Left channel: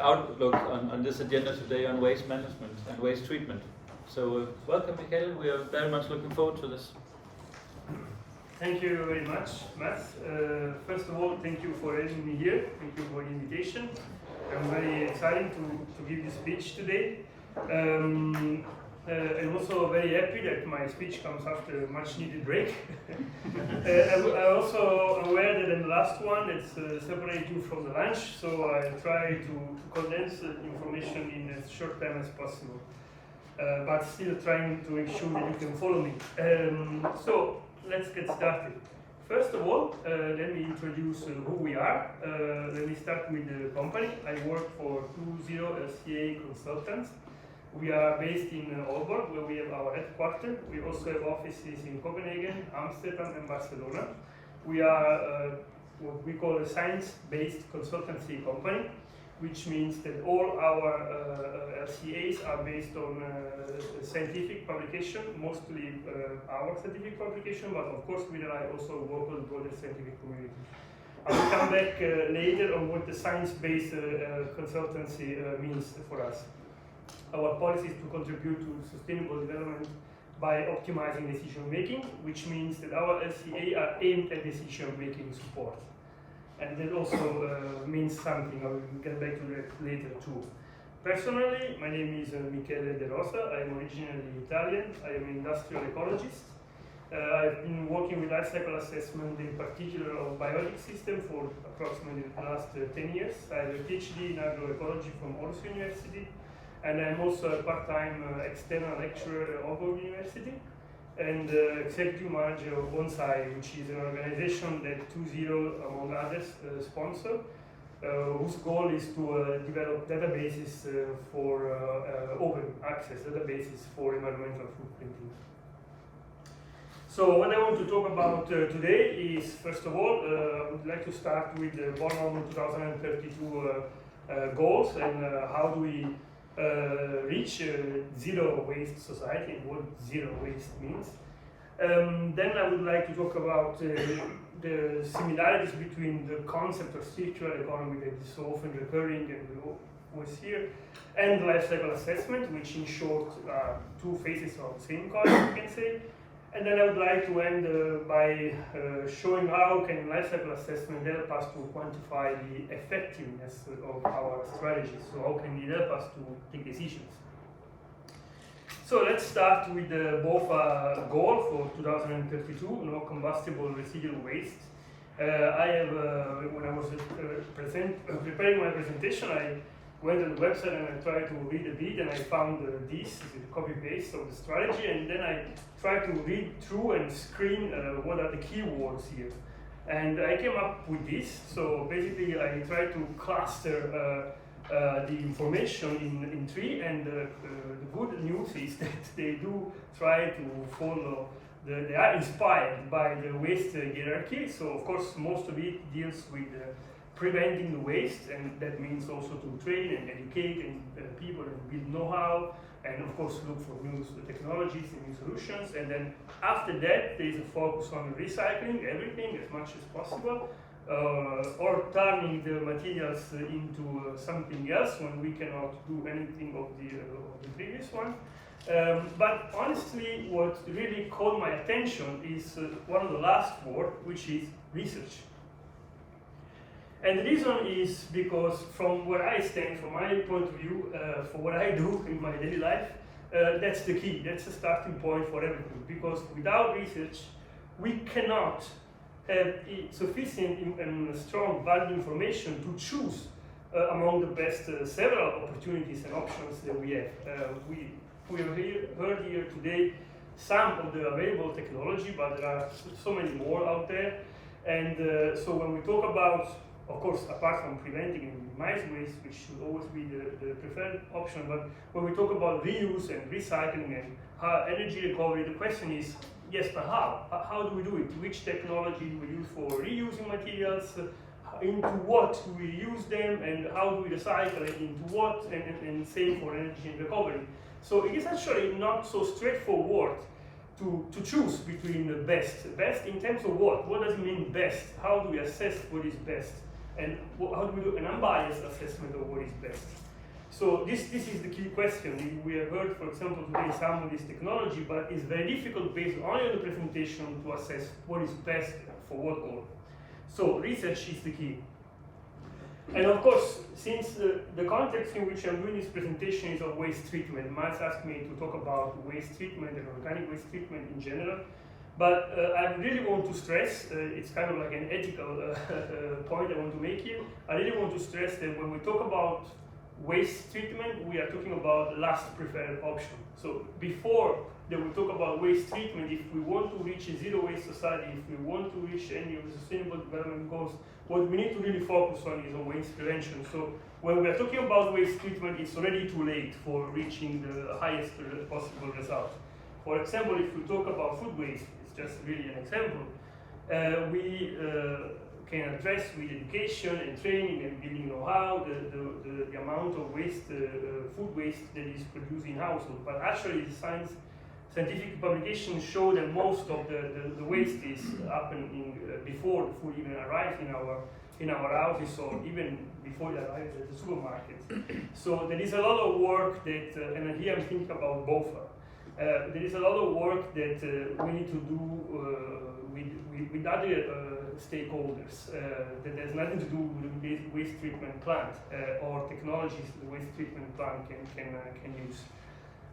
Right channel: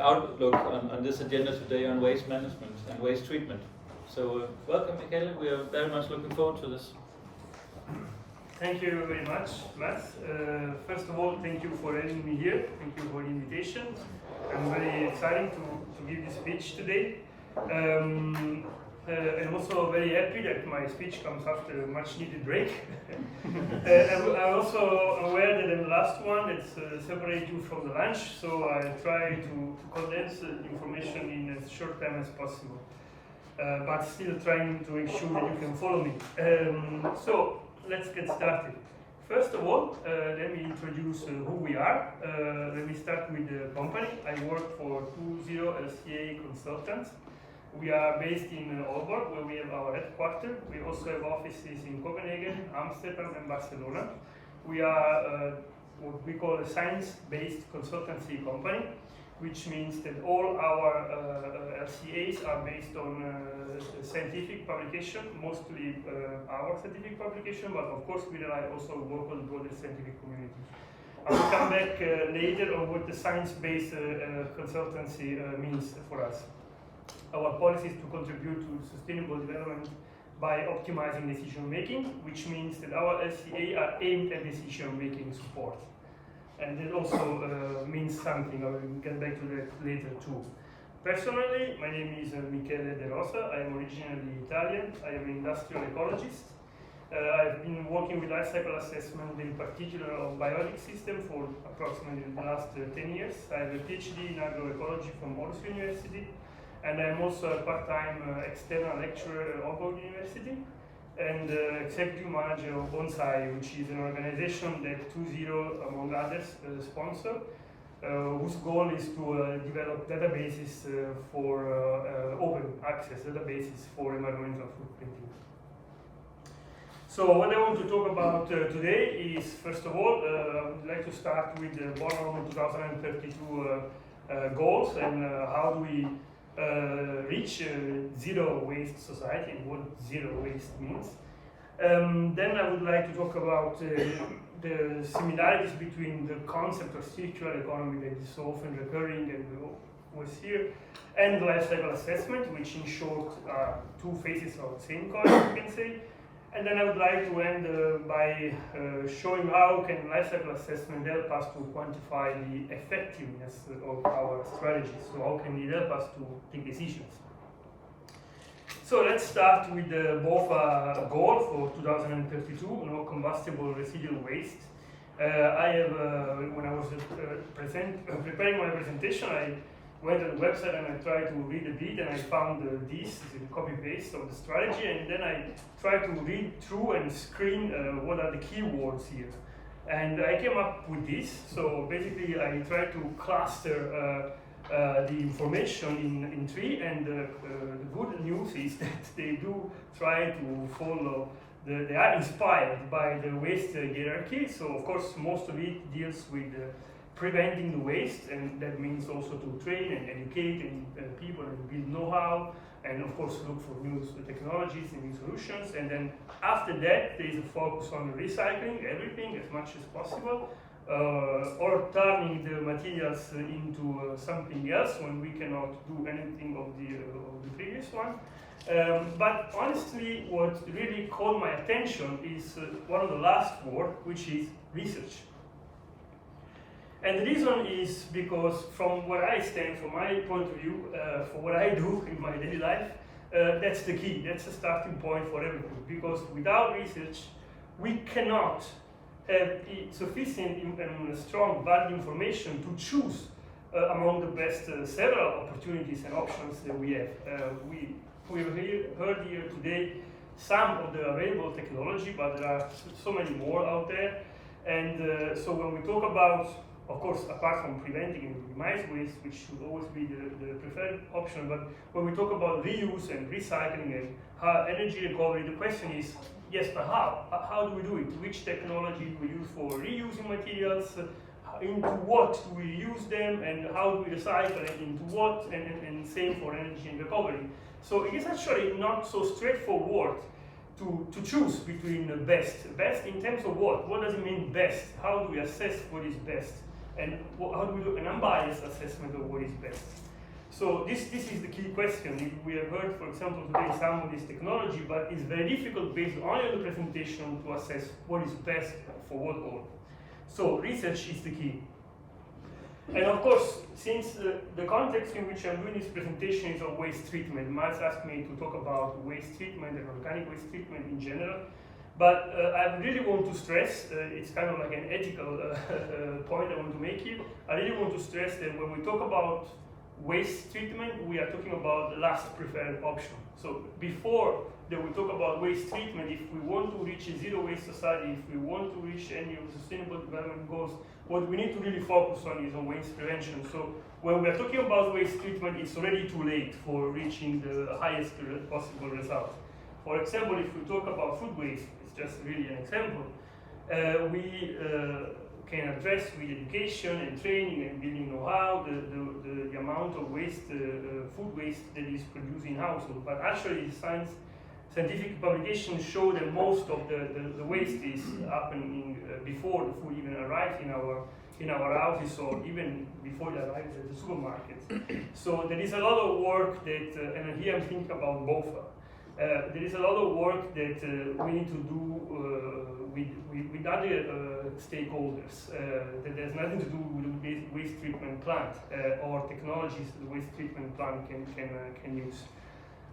outlook on this agenda today on waste management and waste treatment. So welcome, Michele. We are very much looking forward to this. Thank you very much, Matt. First of all, thank you for having me here. Thank you for the invitation. I'm very excited to give this speech today. I'm also very happy that my speech comes after a much needed break. I'm also aware that I'm the last one that separates you from the lunch, so I try to condense the information in as short time as possible, but still trying to make sure that you can follow me. So let's get started. First of all, let me introduce who we are. Let me start with the company. I work for 20 LCA Consultants. We are based in Aalborg, where we have our headquarters. We also have offices in Copenhagen, Amsterdam, and Barcelona. We are what we call a science-based consultancy company, which means that all our LCAs are based on scientific publication, mostly our scientific publication, but of course we rely also on work on the broader scientific community. I will come back later on what the science-based consultancy means for us. Our policy is to contribute to sustainable development by optimizing decision making, which means that our LCA are aimed at decision making support. And that also means something. I will get back to that later too. Personally, my name is Michele de Rosa. I am originally Italian. I am an industrial ecologist. I've been working with life cycle assessment, in particular of biotic system, for approximately the last 10 years. I have a PhD in agroecology from Elsi University. And I'm also a part-time external lecturer at Aalborg University and executive manager of Bonsai, which is an organization that 20, among others, sponsor, whose goal is to develop databases for open access databases for environmental footprinting. So what I want to talk about today is, first of all, I would like to start with the Bornholm 2032 goals and how do we reach zero waste society and what zero waste means. Then I would like to talk about the similarities between the concept of circular economy that is so often recurring and was here, and life cycle assessment, which in short are two faces of the same coin, you can say. And then I would like to end by showing how can life cycle assessment help us to quantify the effectiveness of our strategies. So how can it help us to take decisions? So let's start with the BOFA goal for 2032, no combustible residual waste. I have, when I was preparing my presentation, I went on the website and I tried to read a bit, and I found this is a copy-paste of the strategy, and then I tried to read through and screen what are the keywords here. And I came up with this. So basically I tried to cluster the information in three, and the good news is that they do try to follow, they are inspired by the waste hierarchy. So of course most of it deals with preventing the waste, and that means also to train and educate and people and build know-how, and of course look for new technologies and new solutions. And then after that there is a focus on recycling everything as much as possible, or turning the materials into something else when we cannot do anything of the previous one. But honestly, what really caught my attention is one of the last words, which is research. And the reason is because from where I stand, from my point of view, for what I do in my daily life, that's the key, that's the starting point for everything. Because without research, we cannot have sufficient and strong valid information to choose among the best several opportunities and options that we have. We have heard here today some of the available technology, but there are so many more out there. And so when we talk about, of course, apart from preventing and minimize waste, which should always be the preferred option, but when we talk about reuse and recycling and energy recovery, the question is, yes, but how? How do we do it? Which technology do we use for reusing materials? Into what do we use them? And how do we recycle it into what? And same for energy and recovery. So it is actually not so straightforward to choose between the best. Best in terms of what? What does it mean best? How do we assess what is best? And how do we do an unbiased assessment of what is best? So this is the key question. We have heard, for example, today some of this technology, but it's very difficult based only on the presentation to assess what is best for what goal. So research is the key. And of course, since the context in which I'm doing this presentation is of waste treatment, Miles asked me to talk about waste treatment and organic waste treatment in general. But I really want to stress, it's kind of like an ethical point I want to make here. I really want to stress that when we talk about waste treatment, we are talking about the last preferred option. So before that we talk about waste treatment, if we want to reach a zero waste society, if we want to reach any of the sustainable development goals, what we need to really focus on is on waste prevention. So when we are talking about waste treatment, it's already too late for reaching the highest possible result. For example, if we talk about food waste, it's just really an example, we can address with education and training and building know-how the amount of waste, food waste that is produced in households. But actually, scientific publications show that most of the waste is happening before the food even arrives in our houses, or even before it arrives at the supermarket. So there is a lot of work that, and here I'm thinking about BOFA. There is a lot of work that we need to do with other stakeholders that has nothing to do with the waste treatment plant or technologies the waste treatment plant can use.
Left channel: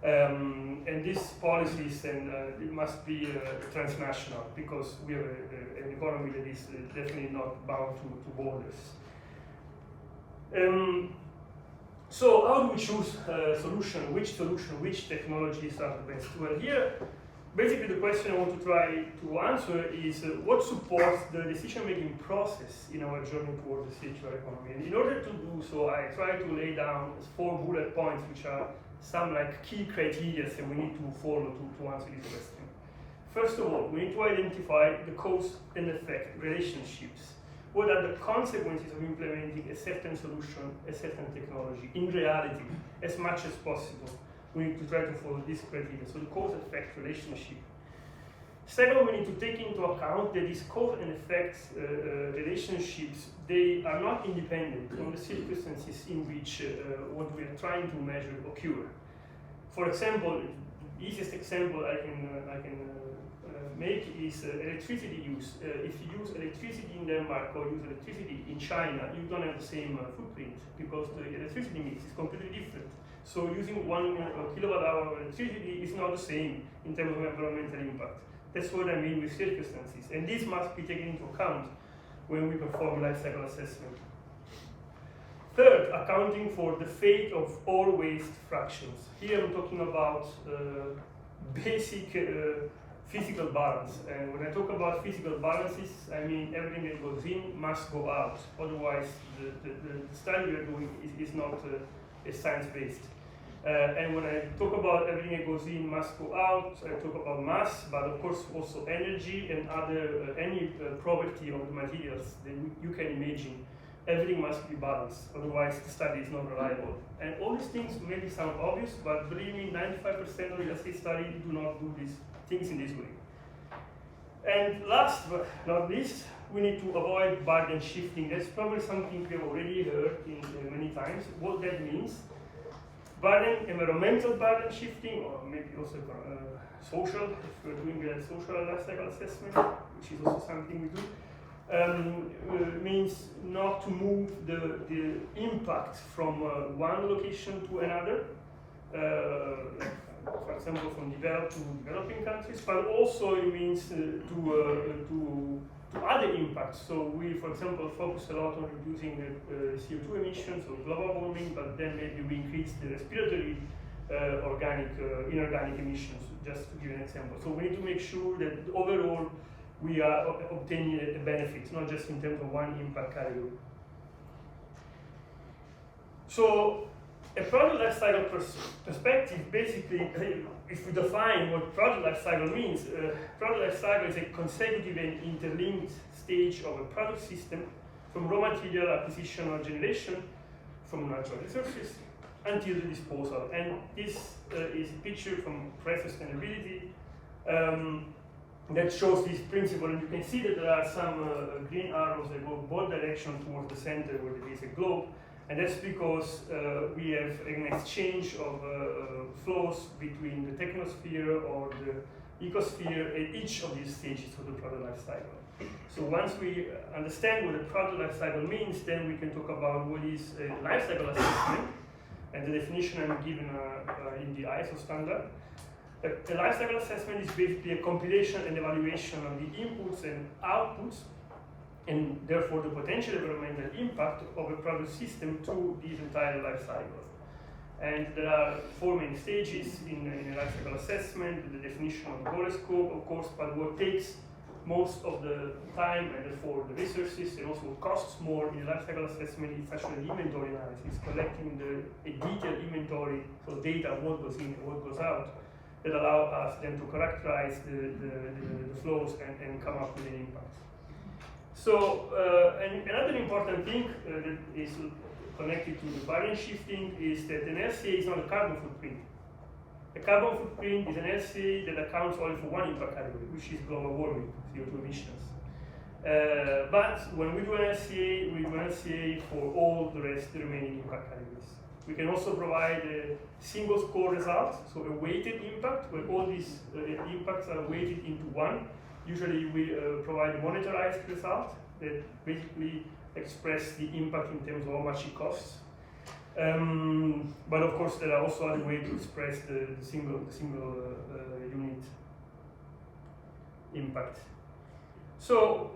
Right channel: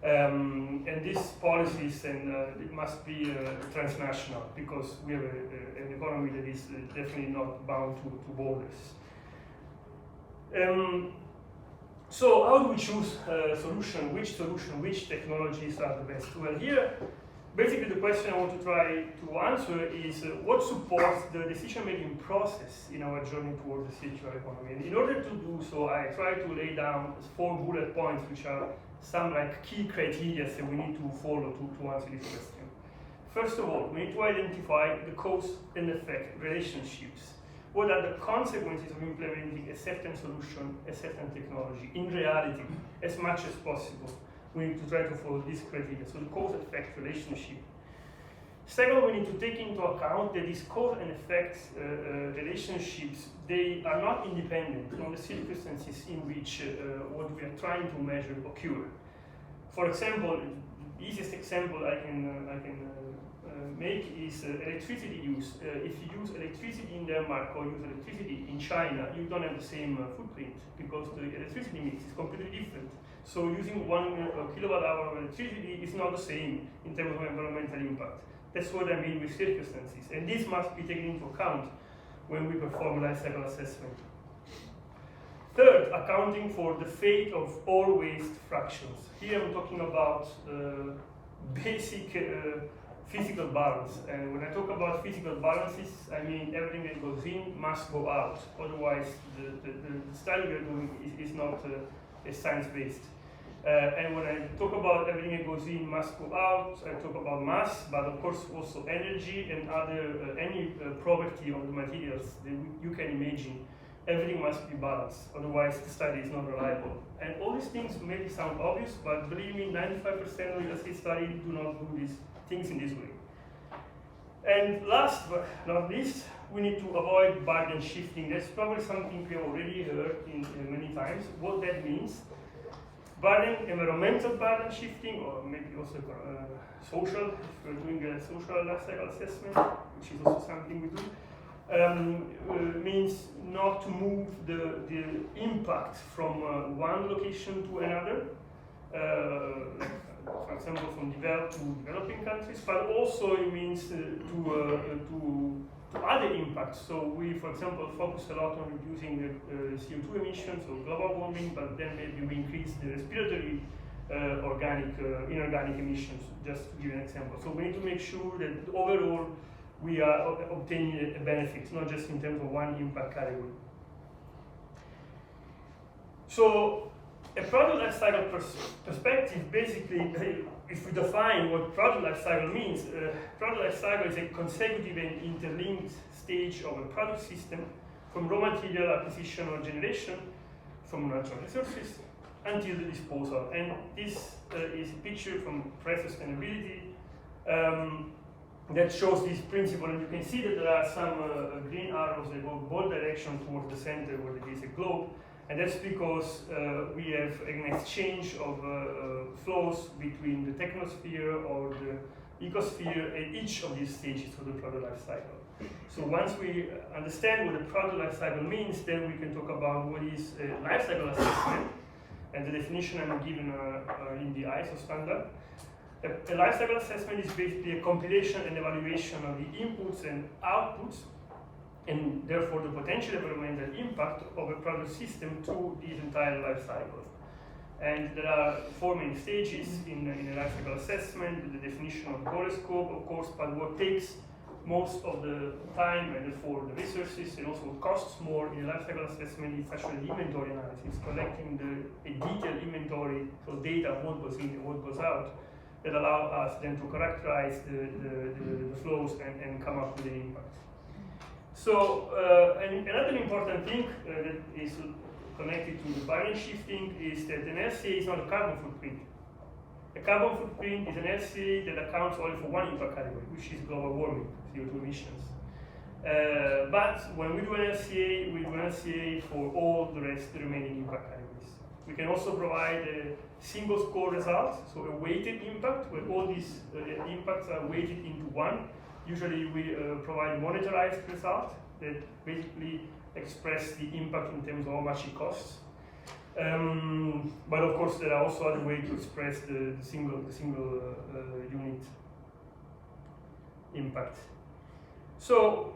And these policies it must be transnational, because we have an economy that is definitely not bound to borders. So how do we choose a solution? Which technologies are the best? Well, here, basically the question I want to try to answer is what supports the decision-making process in our journey towards a circular economy. And in order to do so, I try to lay down 4 bullet points, which are some like key criteria that we need to follow to answer this question. First of all, we need to identify the cause and effect relationships. What are the consequences of implementing a certain solution, a certain technology in reality, as much as possible? We need to try to follow this criteria, so the cause-effect relationship. Second, we need to take into account that these cause and effect relationships, they are not independent from the circumstances in which what we are trying to measure occur. For example, the easiest example I can make is electricity use. If you use electricity in Denmark or use electricity in China, you don't have the same footprint, because the electricity mix is completely different. So using 1 kilowatt hour of electricity is not the same in terms of environmental impact. That's what I mean with circumstances. And this must be taken into account when we perform life cycle assessment. Third, accounting for the fate of all waste fractions. Here I'm talking about basic physical balance. And when I talk about physical balances, I mean everything that goes in must go out. Otherwise, the study we are doing is not science-based. And when I talk about everything that goes in must go out, I talk about mass, but of course also energy and other any property of the materials that you can imagine. Everything must be balanced, otherwise the study is not reliable. And all these things maybe sound obvious, but believe me, 95% of real estate studies do not do these things in this way. And last but not least, we need to avoid burden shifting. That's probably something we have already heard in many times. What that means: burden, environmental burden shifting, or maybe also social, if we're doing a social life cycle assessment, which is also something we do, means not to move the impact from one location to another, like for example from developed to developing countries, but also it means to other impacts. So we, for example, focus a lot on reducing the CO2 emissions or global warming, but then maybe we increase the respiratory inorganic emissions, just to give an example. So we need to make sure that overall we are obtaining a benefit, not just in terms of one impact category. So a product life cycle perspective, basically, if we define what product life cycle means, product life cycle is a consecutive and interlinked stage of a product system, from raw material acquisition or generation from natural resources until the disposal. And this is a picture from Price Sustainability. that shows this principle, and you can see that there are some green arrows that go both directions towards the center where there is a globe, and that's because we have an exchange of flows between the technosphere or the ecosphere at each of these stages of the product life cycle. So once we understand what the product life cycle means, then we can talk about what is a life cycle assessment, and the definition I'm given in the ISO standard. A life cycle assessment is basically a compilation and evaluation of the inputs and outputs, and therefore the potential environmental impact of a product system through this entire life cycle. And there are 4 main stages in a life cycle assessment: the definition of goal scope, of course, but what takes most of the time and therefore the resources, and also what costs more in a life cycle assessment is actually the inventory analysis, collecting a detailed inventory, so data, what goes in and what goes out, that allow us then to characterize the flows and come up with an impact. So, and another important thing that is connected to the variance shifting is that an LCA is not a carbon footprint. A carbon footprint is an LCA that accounts only for one impact category, which is global warming, CO2 emissions. But when we do an LCA, we do an LCA for all the remaining impact categories. We can also provide a single score result, so a weighted impact, where all these impacts are weighted into one. Usually we provide a monetarized result that basically express the impact in terms of how much it costs. But of course there are also other ways to express the single unit impact. So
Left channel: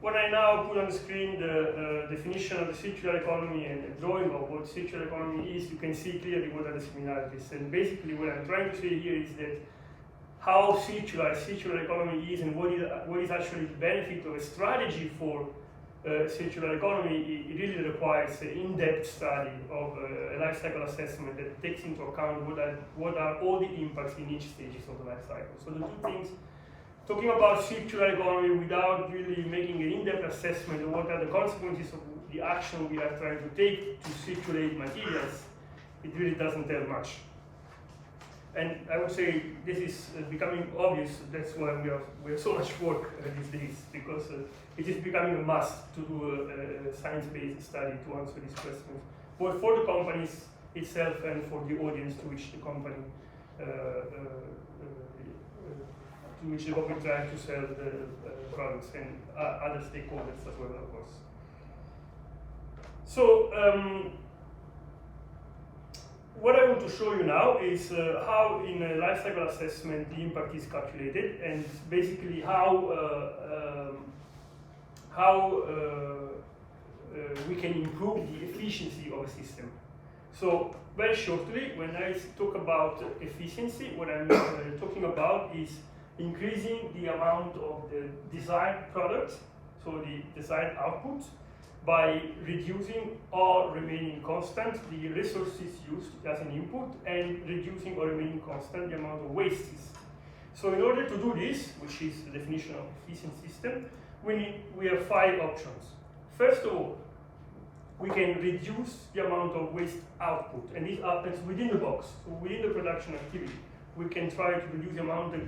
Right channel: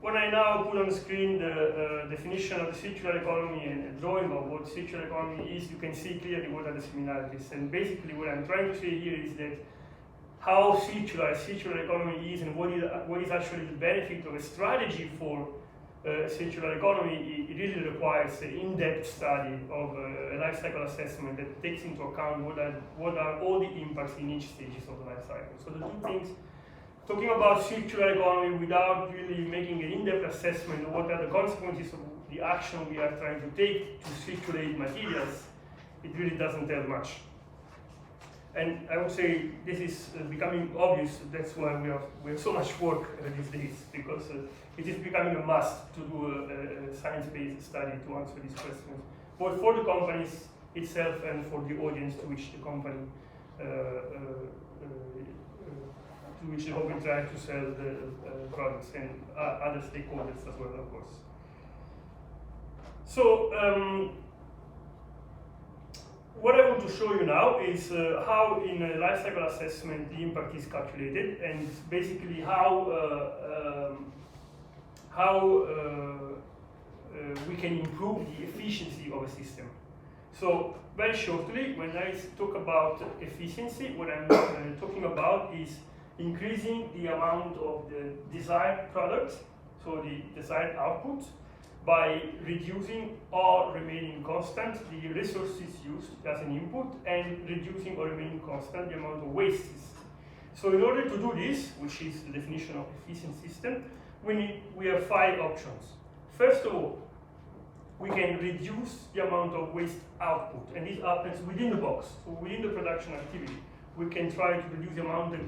when I now put on the screen the definition of the circular economy and a drawing of what circular economy is, you can see clearly what are the similarities. And basically what I'm trying to say here is that how circular economy is, and what is actually the benefit of a strategy for circular economy. It really requires an in-depth study of a life cycle assessment that takes into account what are all the impacts in each stages of the life cycle. So the two things, talking about circular economy without really making an in-depth assessment of what are the consequences of the action we are trying to take to circulate materials, it really doesn't tell much. And I would say this is becoming obvious. That's why we have so much work these days, because it is becoming a must to do a science-based study to answer these questions, both for the companies itself and for the audience to which the company tries to sell the products, and other stakeholders as well, of course. So. What I want to show you now is how in a life cycle assessment the impact is calculated, and basically how we can improve the efficiency of a system. So very shortly, when I talk about efficiency, what I'm talking about is increasing the amount of the desired product, so the desired output, by reducing or remaining constant the resources used as an input, and reducing or remaining constant the amount of wastes. So in order to do this, which is the definition of efficient system, we have 5 options. First of all, we can reduce the amount of waste output, and this happens within the box, so within the production activity. We can try to reduce the amount that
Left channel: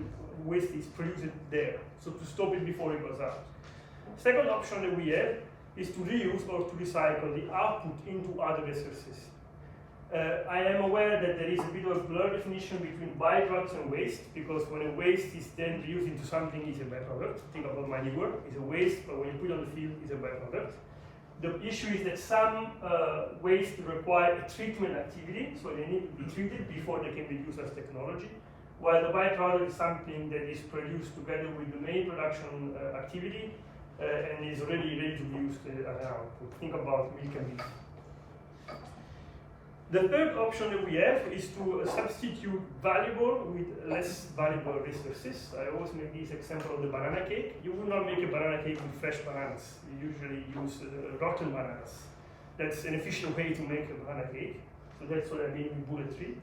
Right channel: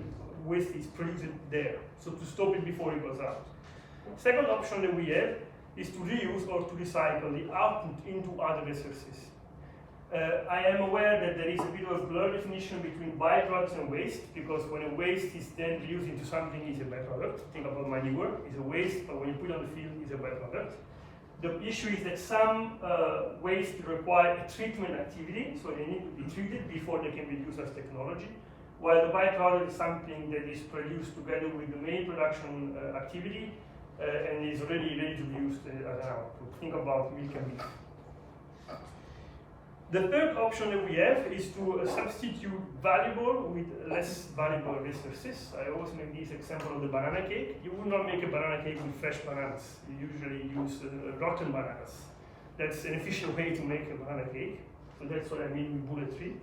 waste is produced there, so to stop it before it goes out. Second option that we have is to reuse or to recycle the output into other resources. I am aware that there is a bit of a blurred definition between byproducts and waste, because when a waste is then reused into something, it's a byproduct. Think about manure, it's a waste, but when you put it on the field, it's a byproduct. The issue is that some waste require a treatment activity, so they need to be treated before they can be used as technology, while the byproduct is something that is produced together with the main production activity, and is already ready to be used as an output. Think about milk and meat. The third option that we have is to substitute valuable with less valuable resources. I always make this example of the banana cake. You would not make a banana cake with fresh bananas. You usually use rotten bananas. That's an efficient way to make a banana cake. So that's what I mean with bullet 3.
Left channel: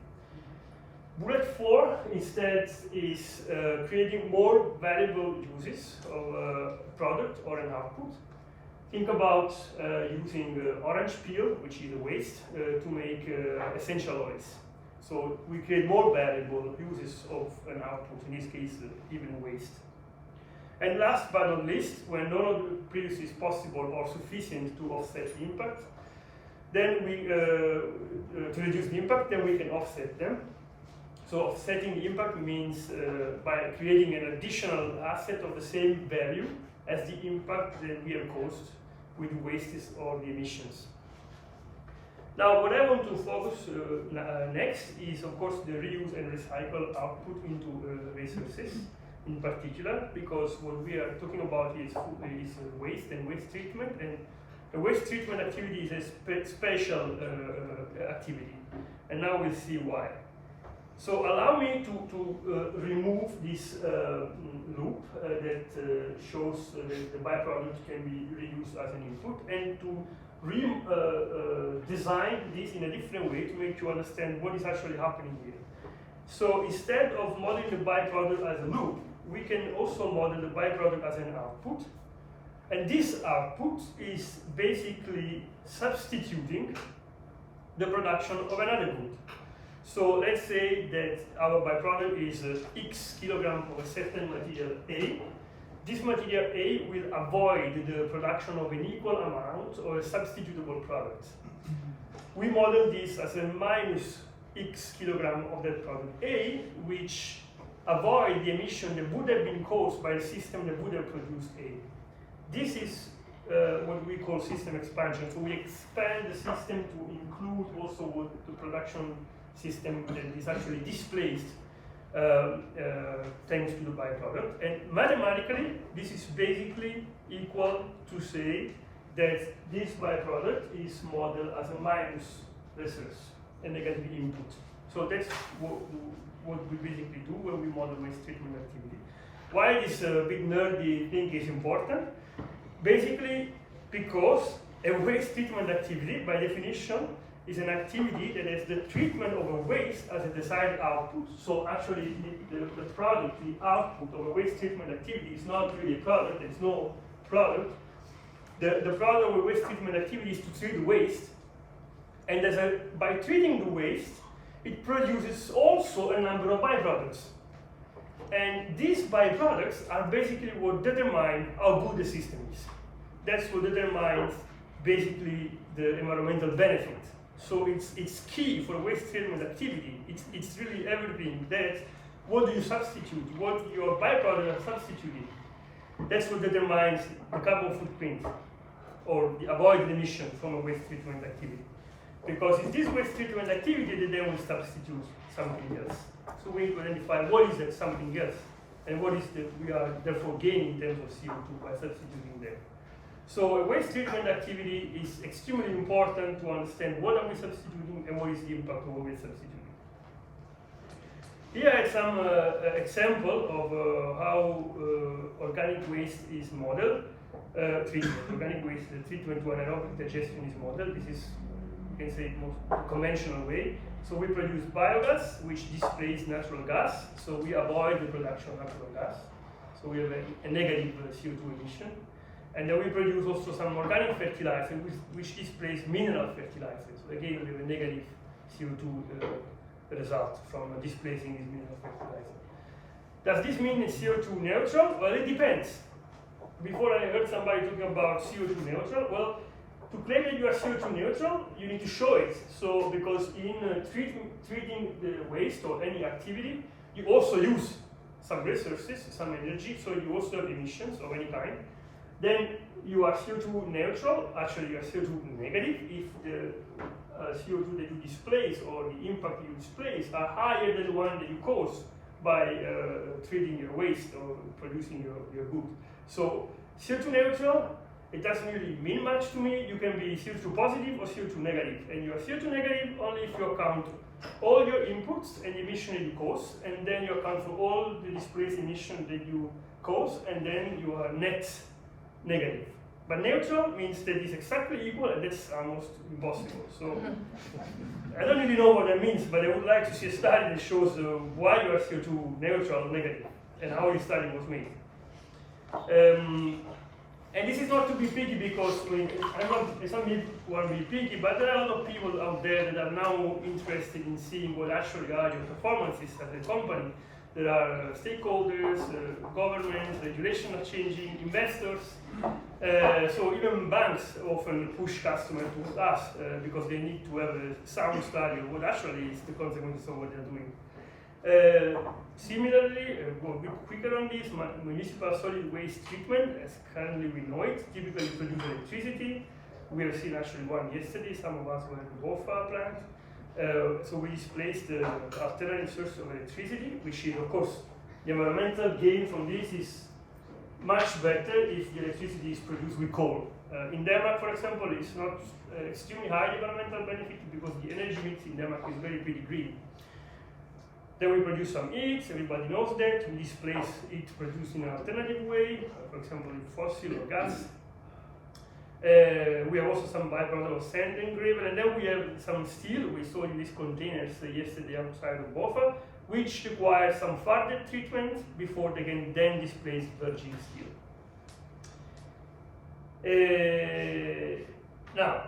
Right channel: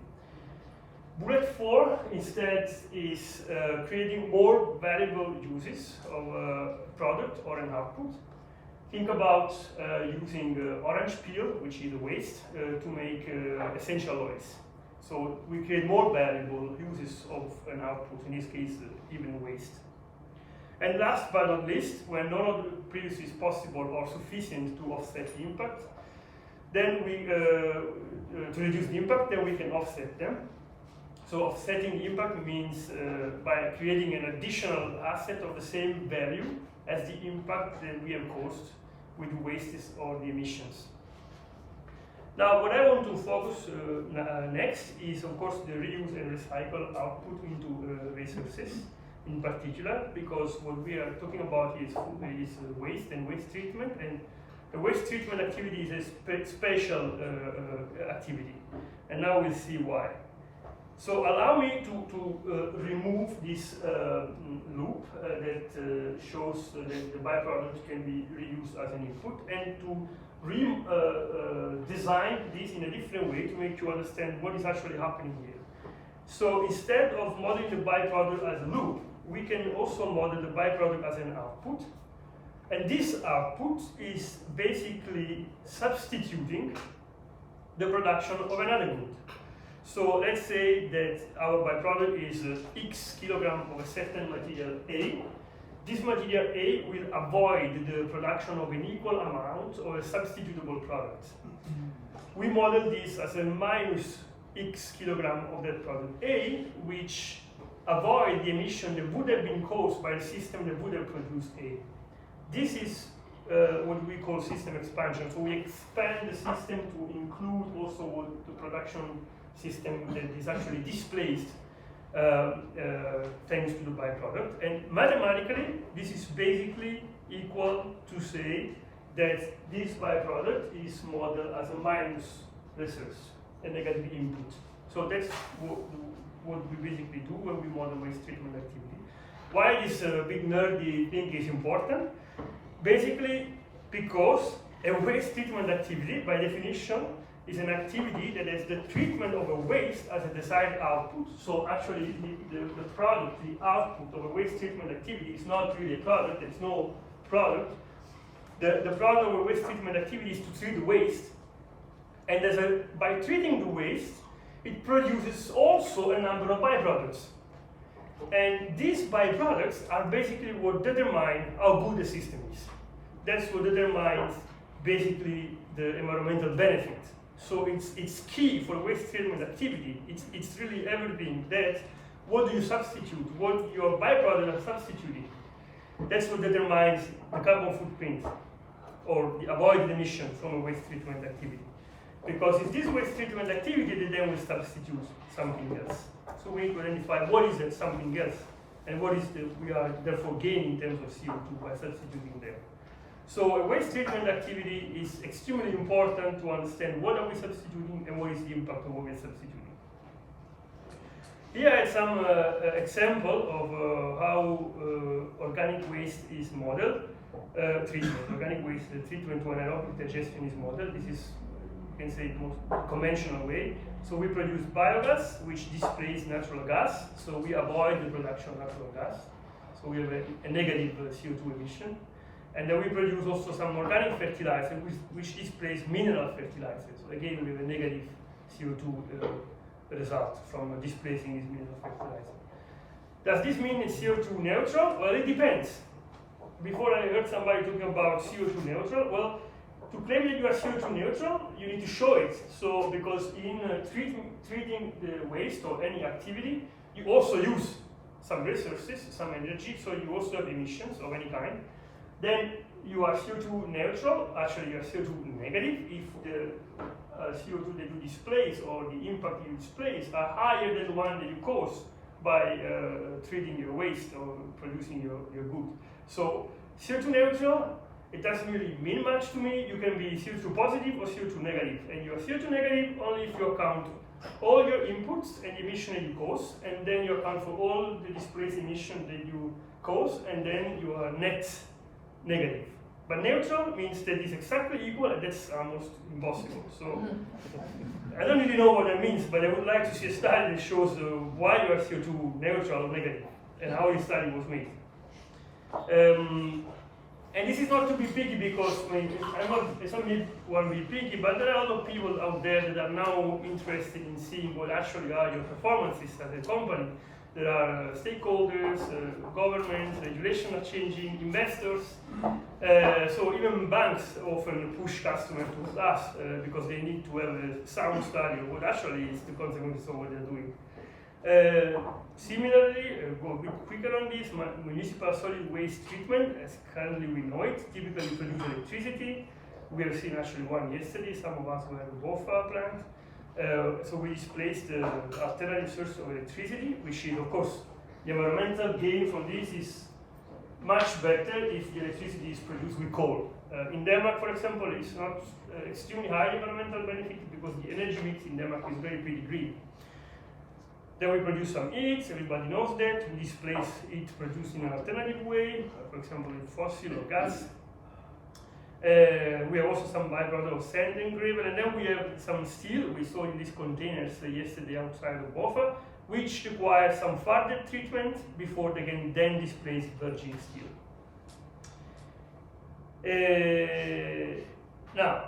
Bullet 4 instead is creating more valuable uses of a product or an output. Think about using orange peel, which is a waste, to make essential oils. So we create more valuable uses of an output, in this case even waste. And last but not least, when none of the previous is possible or sufficient to offset the impact, then we, to reduce the impact, then we can offset them. So offsetting the impact means by creating an additional asset of the same value as the impact that we have caused with the wastes or the emissions. Now, what I want to focus next is, of course, the reuse and recycle output into resources in particular, because what we are talking about is waste and waste treatment, and the waste treatment activity is a special activity, and now we'll see why. So allow me to remove this loop that shows that the byproduct can be reused as an input, and to design this in a different way to make you understand what is actually happening here. So instead of modeling the byproduct as a loop, we can also model the byproduct as an output. And this output is basically substituting the production of another good. So let's say that our byproduct is X kilogram of a certain material A. This material A will avoid the production of an equal amount of a substitutable product. We model this as a minus X kilogram of that product A, which avoid the emission that would have been caused by a system that would have produced A. This is what we call system expansion. So we expand the system to include also what the production system that is actually displaced thanks to the byproduct. And mathematically, this is basically equal to say that this byproduct is modeled as a minus resource, a negative input. So that's what we basically do when we model waste treatment activity. Why this big nerdy thing is important? Basically, because a waste treatment activity, by definition, is an activity that has the treatment of a waste as a desired output. So actually, the product, the output of a waste treatment activity is not really a product. There's no product. The product of a waste treatment activity is to treat the waste. And by treating the waste, it produces also a number of byproducts. And these byproducts are basically what determine how good the system is. That's what determines basically the environmental benefit. So it's key for waste treatment activity. It's really everything that what do you substitute, what your byproducts are substituting. That's what determines the carbon footprint or the avoided emission from a waste treatment activity. Because it's this waste treatment activity that then will substitute something else. So we need to identify what is that something else and what is we are therefore gaining in terms of CO2 by substituting them. So a waste treatment activity is extremely important to understand what are we substituting and what is the impact of what we're substituting. Here I have some example of how organic waste is modeled, treatment. Organic waste treatment to anaerobic digestion is modeled. This is, you can say, most conventional way. So we produce biogas, which displaces natural gas. So we avoid the production of natural gas. So we have a negative CO2 emission. And then we produce also some organic fertilizer, which displays mineral fertilizers. So again, we have a negative CO2 result from displacing this mineral fertilizer. Does this mean it's CO2 neutral? Well, it depends. Before I heard somebody talking about CO2 neutral. Well, to claim that you are CO2 neutral, you need to show it. So, because in treating the waste or any activity, you also use some resources, some energy, so you also have emissions of any kind. Then you are CO2 neutral, actually you are CO2 negative if the CO2 that you displace or the impact you displace are higher than the one that you cause by treating your waste or producing your good. So CO2 neutral, it doesn't really mean much to me. You can be CO2 positive or CO2 negative. And you are CO2 negative only if you account all your inputs and emission that you cause, and then you account for all the displaced emission that you cause, and then you are net negative. But neutral means that it's exactly equal, and that's almost impossible. So I don't really know what that means, but I would like to see a study that shows why you are CO2 neutral or negative, and how this study was made. And this is not to be picky, because I mean, it's not me who want to be picky, but there are a lot of people out there that are now interested in seeing what actually are your performances as a company. There are stakeholders, governments, regulations are changing, investors. So even banks often push customers towards us because they need to have a sound study of what actually is the consequences of what they're doing. Similarly, go a bit quicker on this, municipal solid waste treatment, as currently we know it, typically produce electricity. We have seen actually one yesterday, some of us were at the Bornholm plant. So we displaced the alternative source of electricity, which is, of course, the environmental gain from this is much better if the electricity is produced with coal. In Denmark, for example, it's not extremely high environmental benefit because the energy mix in Denmark is very pretty green. Then we produce some heat, everybody knows that. We displace it produced in an alternative way, for example, with fossil or gas. We have also some byproduct of sand and gravel, and then we have some steel we saw in these containers yesterday outside of Bofa, which require some further treatment before they can then displace virgin steel. Now,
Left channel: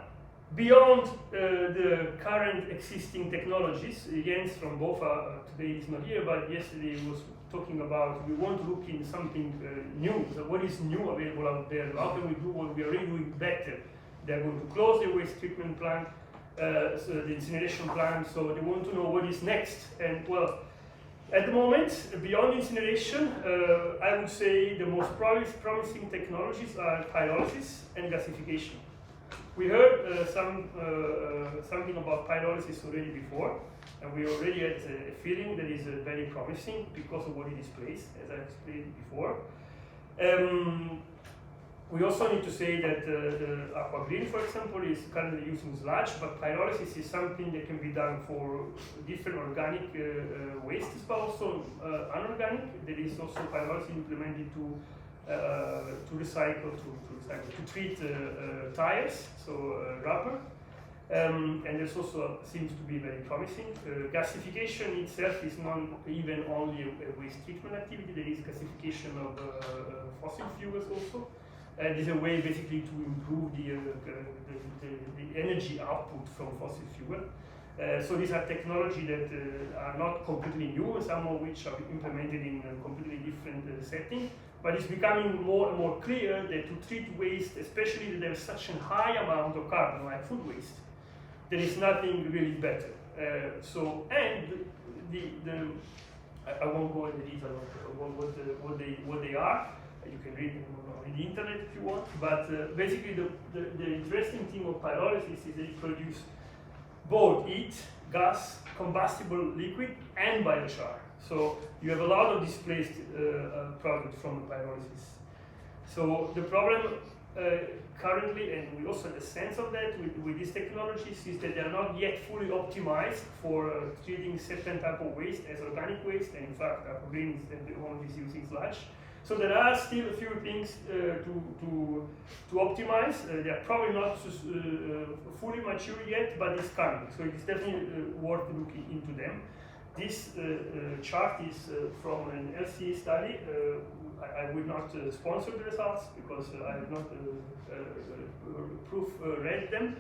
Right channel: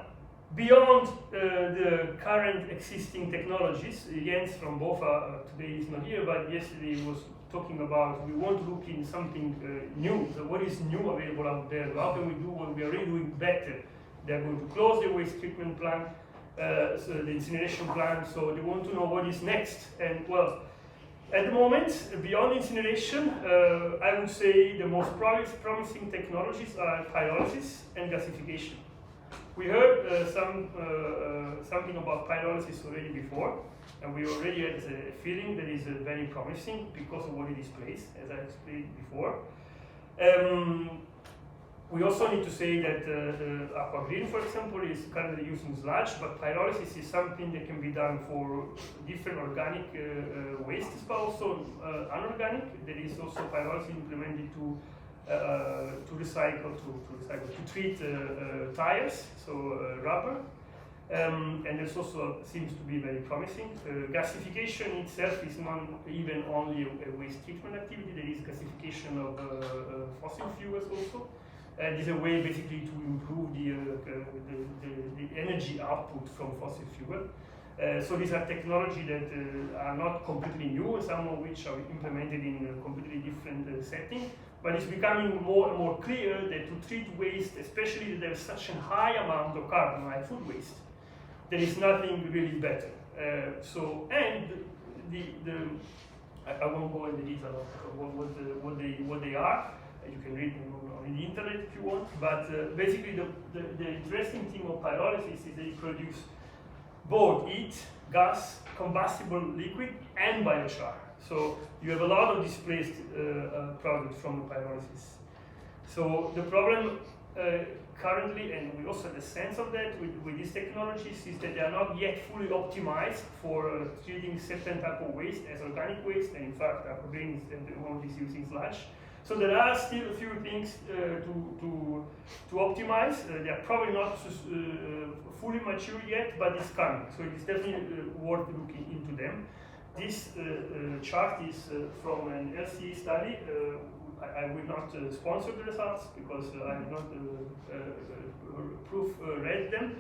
beyond the current existing technologies, Jens from Bofa today is not here, but yesterday was talking about we want to look in something new. So what is new available out there? How can we do what we are already doing better? They are going to close the waste treatment plant, so the incineration plant, so they want to know what is next. And well, at the moment, beyond incineration, I would say the most promising technologies are pyrolysis and gasification. We heard something about pyrolysis already before, and we already had a feeling that is very promising because of what it displays, as I explained before. We also need to say that the Aquagreen, for example, is currently using sludge, but pyrolysis is something that can be done for different organic wastes, but also unorganic. There is also pyrolysis implemented to treat tires, so rubber. And this also seems to be very promising. Gasification itself is not even only a waste treatment activity, there is gasification of fossil fuels also. And it's a way basically to improve the energy output from fossil fuel. So these are technologies that are not completely new, some of which are implemented in a completely different setting. But it's becoming more and more clear that to treat waste, especially that there's such a high amount of carbon, like food waste, there is nothing really better. I won't go into detail of what they are. You can read them on the internet if you want. But basically, the interesting thing of pyrolysis is that it produces both heat, gas, combustible liquid, and biochar. So you have a lot of displaced product from the pyrolysis. So the problem currently, and we also have a sense of that with these technologies, is that they are not yet fully optimized for treating certain type of waste as organic waste, and in fact, Aquagreen is one is using sludge. So there are still a few things to optimize. They are probably not fully mature yet, but it's coming. So it's definitely worth looking into them. This chart is from an Elsi study. I will not sponsor the results because I have not read them.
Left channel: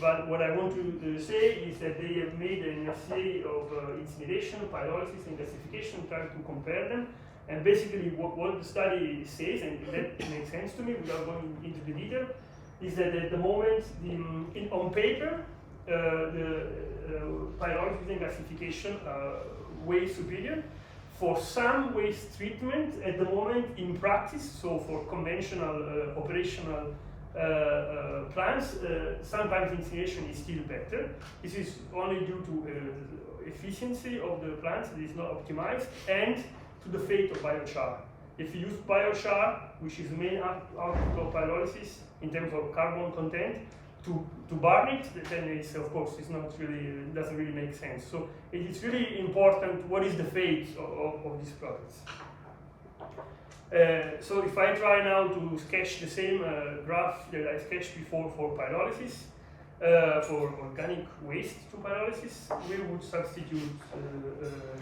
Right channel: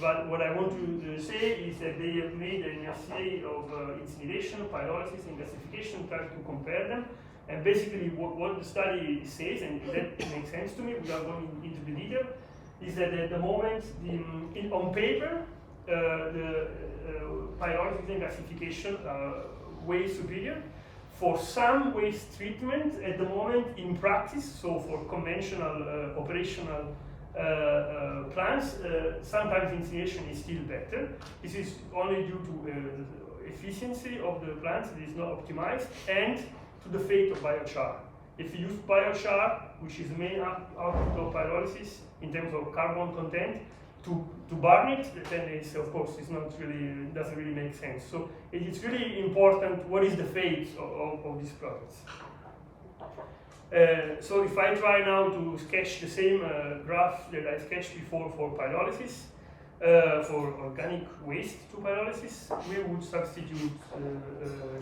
But what I want to say is that they have made an assay of incineration, pyrolysis, and gasification, trying to compare them. And basically what the study says, and that makes sense to me without going into the detail, is that at the moment, on paper, the pyrolysis and gasification are way superior. For some waste treatment, at the moment, in practice, so for conventional operational plants, sometimes incineration is still better. This is only due to the efficiency of the plants that is not optimized, and to the fate of biochar. If you use biochar, which is the main output of pyrolysis in terms of carbon content, to burn it, then it's, of course, it's not really, it doesn't really make sense. So it is really important what is the fate of these products. So if I try now to sketch the same graph that I sketched before for pyrolysis, for organic waste to pyrolysis, we would substitute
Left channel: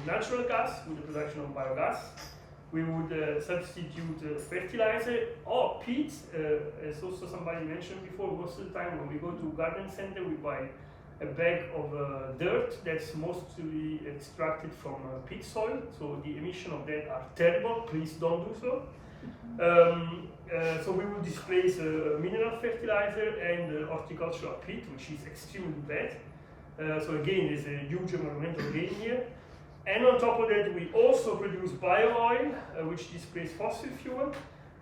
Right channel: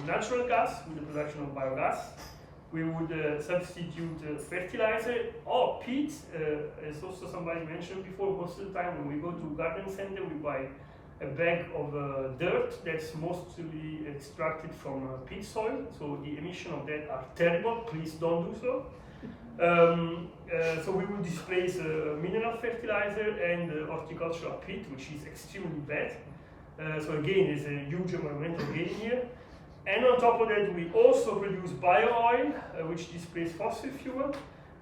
natural gas with the production of biogas. We would substitute fertilizer or peat, as also somebody mentioned before. Most of the time when we go to garden center, we buy a bag of dirt that's mostly extracted from pit soil, so the emission of that are terrible, please don't do so. So we will displace mineral fertilizer and horticultural peat, which is extremely bad. So again, there's a huge environmental gain here. And on top of that, we also produce bio-oil, which displaces fossil fuel,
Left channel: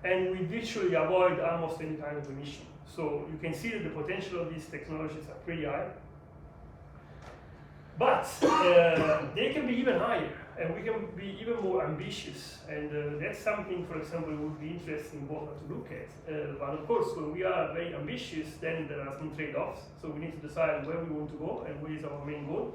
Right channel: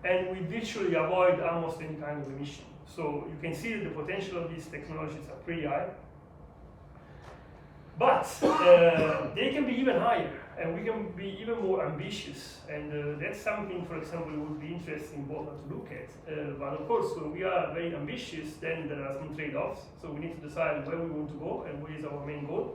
and we virtually avoid almost any kind of emission. So you can see that the potential of these technologies are pretty high. But they can be even higher, and we can be even more ambitious. And that's something, for example, would be interesting both to look at. But of course, when we are very ambitious, then there are some trade-offs. So we need to decide where we want to go and what is our main goal.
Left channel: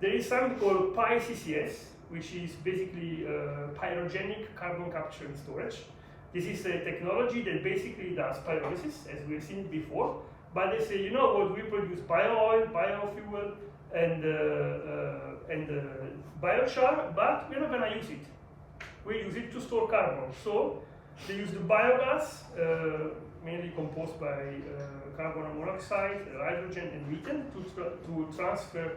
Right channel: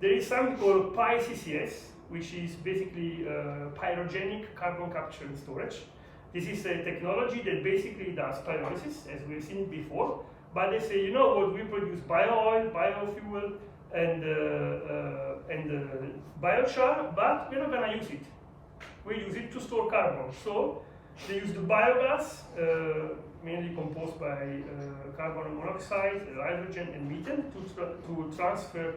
There is something called PyCCS, which is basically pyrogenic carbon capture and storage. This is a technology that basically does pyrolysis, as we've seen before. But they say, you know what, we produce bio-oil, biofuel, and biochar, but we're not going to use it. We use it to store carbon. So they use the biogas, mainly composed by carbon monoxide, hydrogen, and methane, to transfer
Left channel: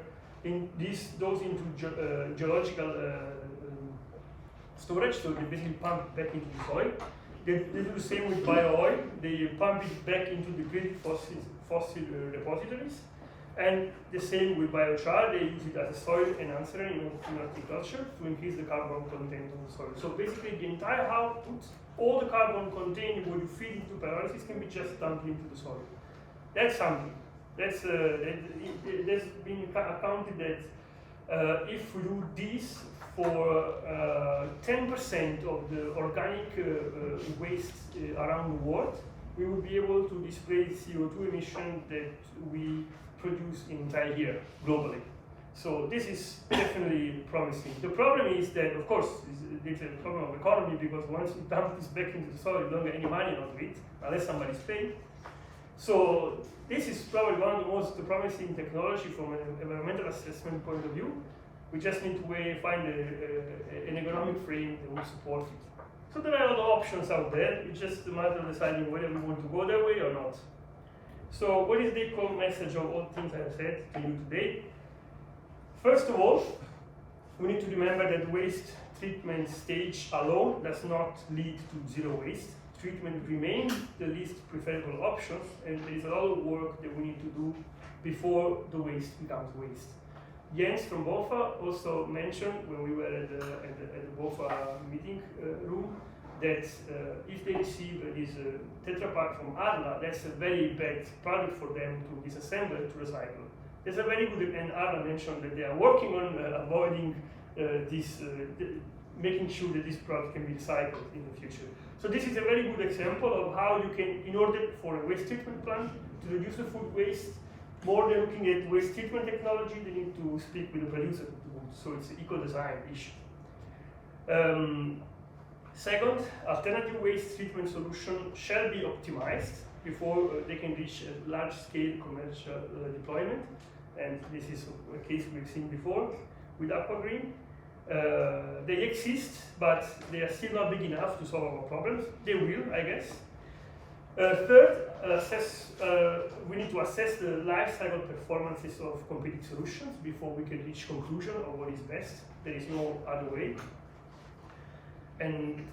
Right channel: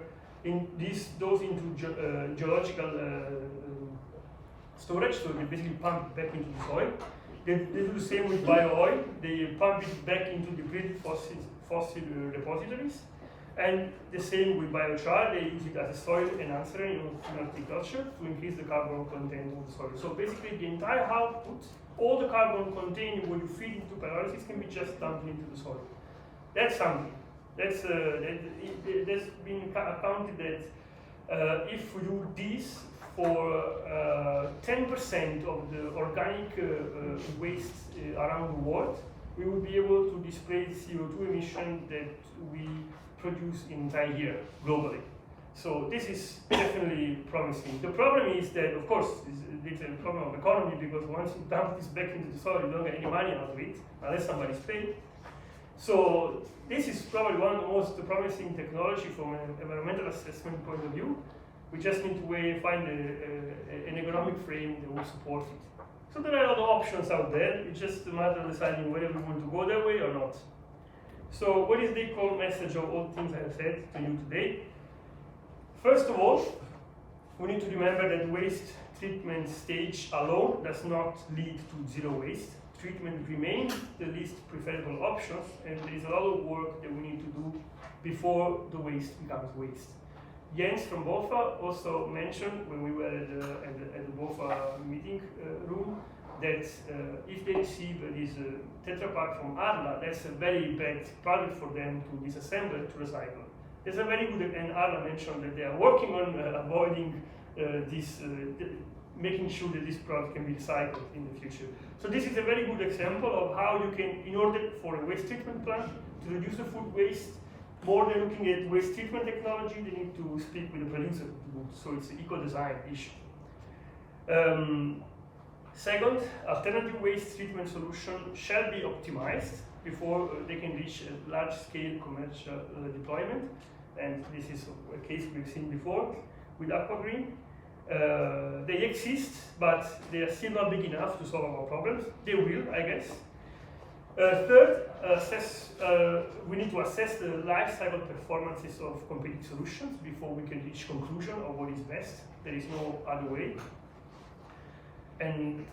those into geological storage. So they basically pump it back into the soil. They do the same with bio-oil. They pump it back into depleted fossil repositories. And the same with biochar. They use it as a soil enhancer in horticulture to increase the carbon content of the soil. So basically the entire output, all the carbon contained when you feed into pyrolysis, can be just dumped into the soil. That's something. That's been accounted that if we do this for 10% of the organic waste around the world, we will be able to displace CO2 emission that we produce in entire year globally. So this is definitely promising. The problem is that, of course, it's a problem of economy, because once you dump this back into the soil, you don't get any money out of it, unless somebody's paid. So this is probably one of the most promising technology from an environmental assessment point of view. We just need to find an economic frame that will support it. So there are other options out there. It's just a matter of deciding whether we want to go that way or not. So what is the core message of all the things I have said to you today? First of all, we need to remember that waste treatment stage alone does not lead to zero waste. Treatment remains the least preferable option, and there is a lot of work that we need to do before the waste becomes waste. Jens from BOFA also mentioned when we were at the BOFA meeting room that if they receive this Tetra Pak from Arla, that's a very bad product for them to disassemble and to recycle. There's a very good, and Arla mentioned that they are working on avoiding this, making sure that this product can be recycled in the future. So this is a very good example of how you can, in order for a waste treatment plant to reduce the food waste, more than looking at waste treatment technology, they need to speak with the producer of the goods. So it's an eco-design issue. Second, alternative waste treatment solution shall be optimized before they can reach a large-scale commercial deployment. And this is a case we've seen before with Aquagreen. They exist, but they are still not big enough to solve our problems. They will, I guess. Third, we need to assess the life cycle performances of competing solutions before we can reach conclusion of what is best. There is no other way. And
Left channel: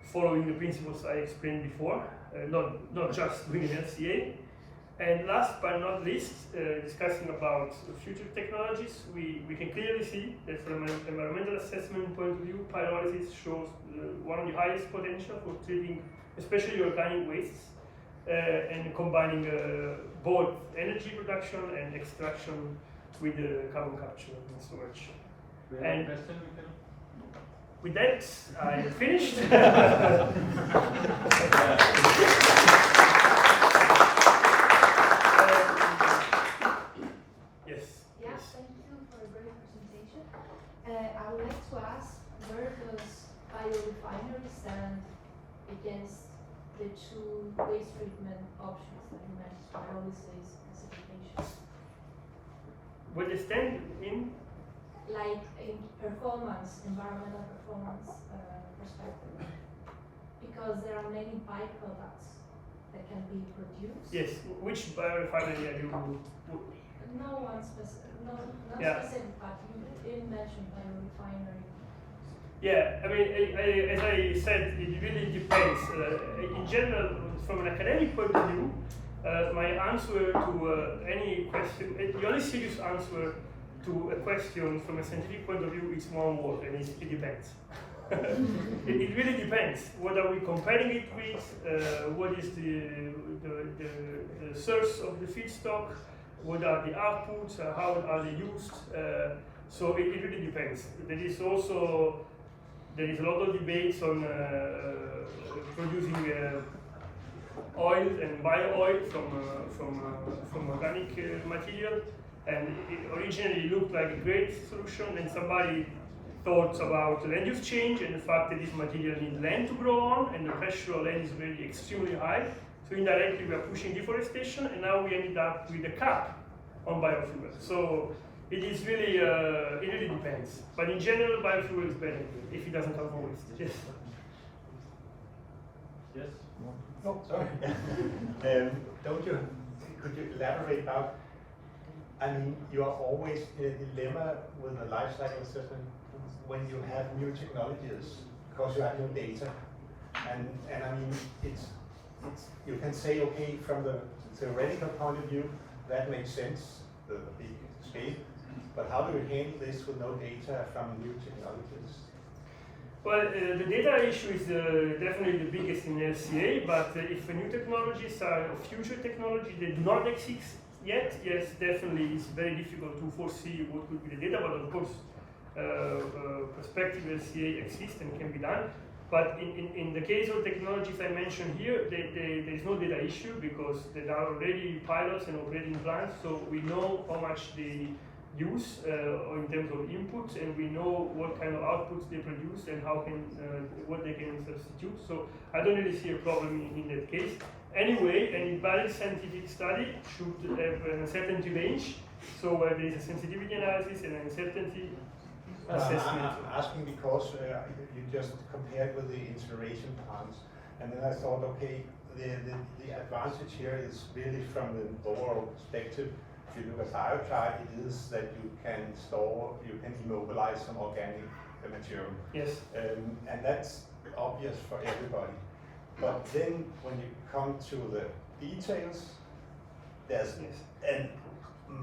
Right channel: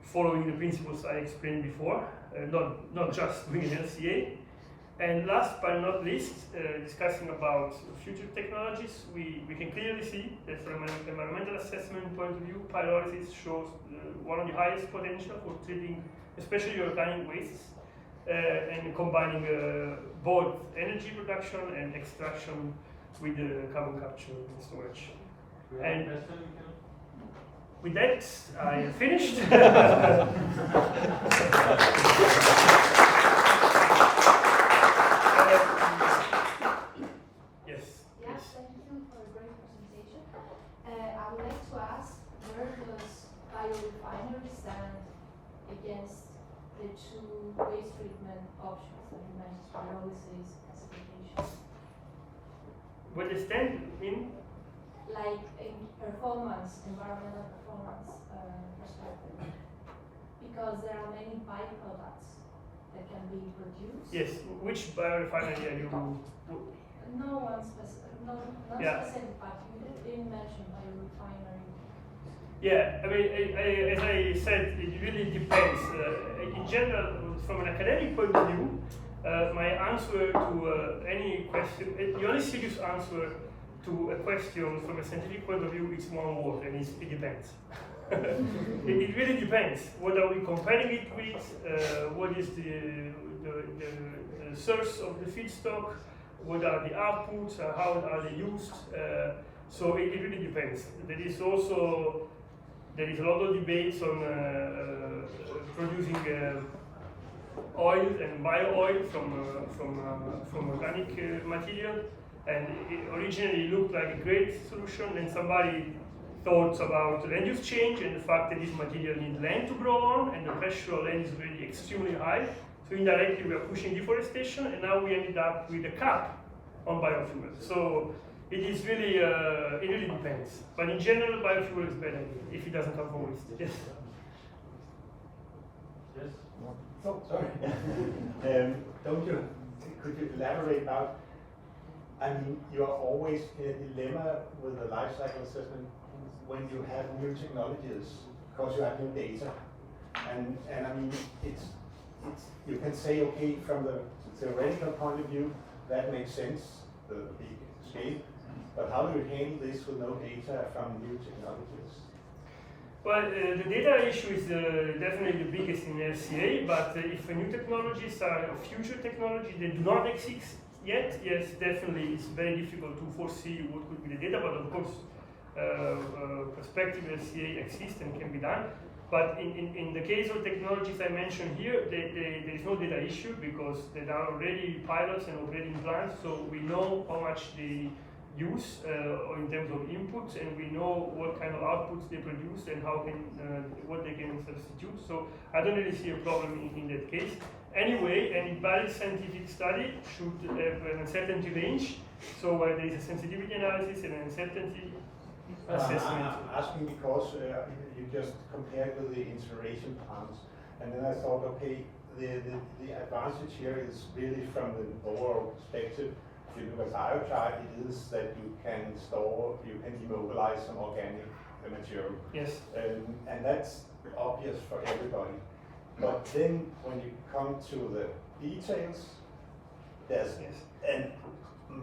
following the principles I explained before, not just doing an LCA. And last but not least, discussing about future technologies, we can clearly see that from an environmental assessment point of view, pyrolysis shows one of the highest potential for treating especially organic wastes and combining both energy production and extraction with the carbon capture and storage. And with that, I am finished. Yes. Yeah, thank you for a great presentation. I would like to ask, where does biorefinery stand against the two waste treatment options that you mentioned, pyrolysis, acidification? Where they stand in? Like in performance, environmental performance perspective, because there are many byproducts that can be produced. Yes. Which biorefinery are you? no one specific, not Yeah. specific, but you didn't mention biorefinery. Yeah, I mean, as I said, it really depends. In general, from an academic point of view, my answer to any question, the only serious answer to a question from a scientific point of view is one word, and it depends. It really depends. What are we comparing it with? What is the source of the feedstock? What are the outputs? How are they used? So it really depends. There is a lot of debates on producing oil and bio-oil from organic material, and it originally looked like a great solution. Then somebody thought about land use change and the fact that this material needs land to grow on, and the pressure of land is really extremely high. So indirectly we are pushing deforestation, and now we ended up with a cap on biofuel. So it is really, it really depends. But in general, biofuel is better if it doesn't come from waste. Yes. Yes. No, sorry. Could you elaborate about, I mean, you're always in a dilemma with a life cycle assessment when you have new technologies, because you have new data. And I mean, it's you can say, okay, from the theoretical point of view, that makes sense, the scale. But how do you handle this with no data from new technologies? Well, the data issue is definitely the biggest in LCA, but if new technologies are future technologies that do not exist yet, yes, definitely it's very difficult to foresee what could be the data, but of course, prospective LCA exists and can be done. But in the case of technologies I mentioned here, there is no data issue because there are already pilots and operating plants, so we know how much they use in terms of inputs, and we know what kind of outputs they produce and how what they can substitute. So I don't really see a problem in that case. Anyway, any valid scientific study should have an uncertainty range. So where there is a sensitivity analysis and an uncertainty assessment. I'm asking because you just compared with the incineration plants, and then I thought, okay, the advantage here is really from the overall perspective. If you look at biochar, it is that you can immobilize some organic material. Yes. And that's obvious for everybody. But then when you come to the details, there's a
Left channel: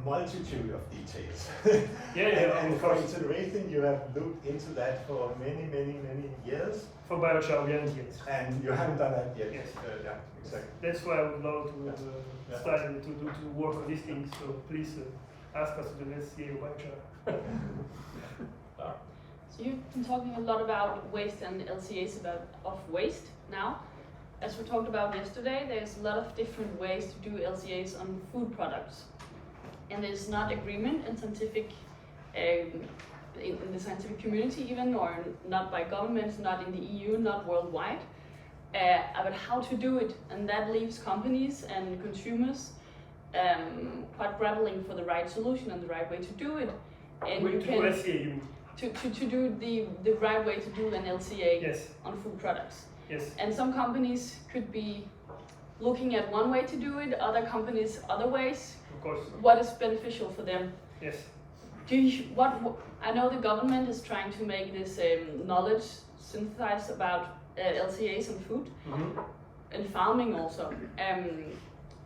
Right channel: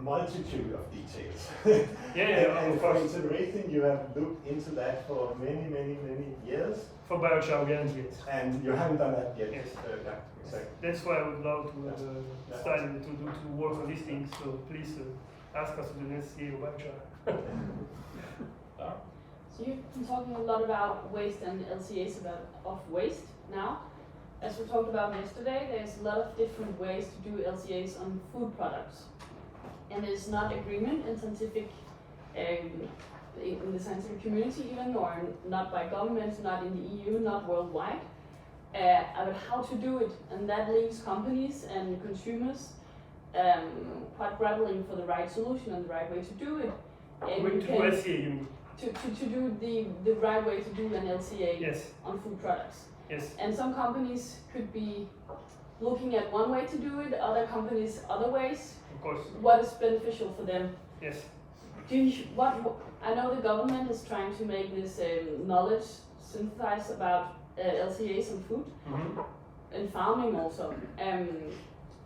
multitude of details. And for incineration, you have looked into that for many years. For biochar, we haven't yet. And you haven't done that yet. Yes. Exactly. That's why I would love to study to work on these things. So please ask us to do this here biochar. So you've been talking a lot about waste and LCAs of waste now. As we talked about yesterday, there's a lot of different ways to do LCAs on food products. And there's not agreement in scientific, in the scientific community even, or not by governments, not in the EU, not worldwide, about how to do it. And that leaves companies and consumers quite grappling for the right solution and the right way to do it. And to do LCA, you mean? To do the right way to do an LCA on food products. Yes. And some companies could be looking at one way to do it, other companies other ways. Of course. What is beneficial for them? Yes. I know the government is trying to make this knowledge synthesized about LCAs on food and farming also.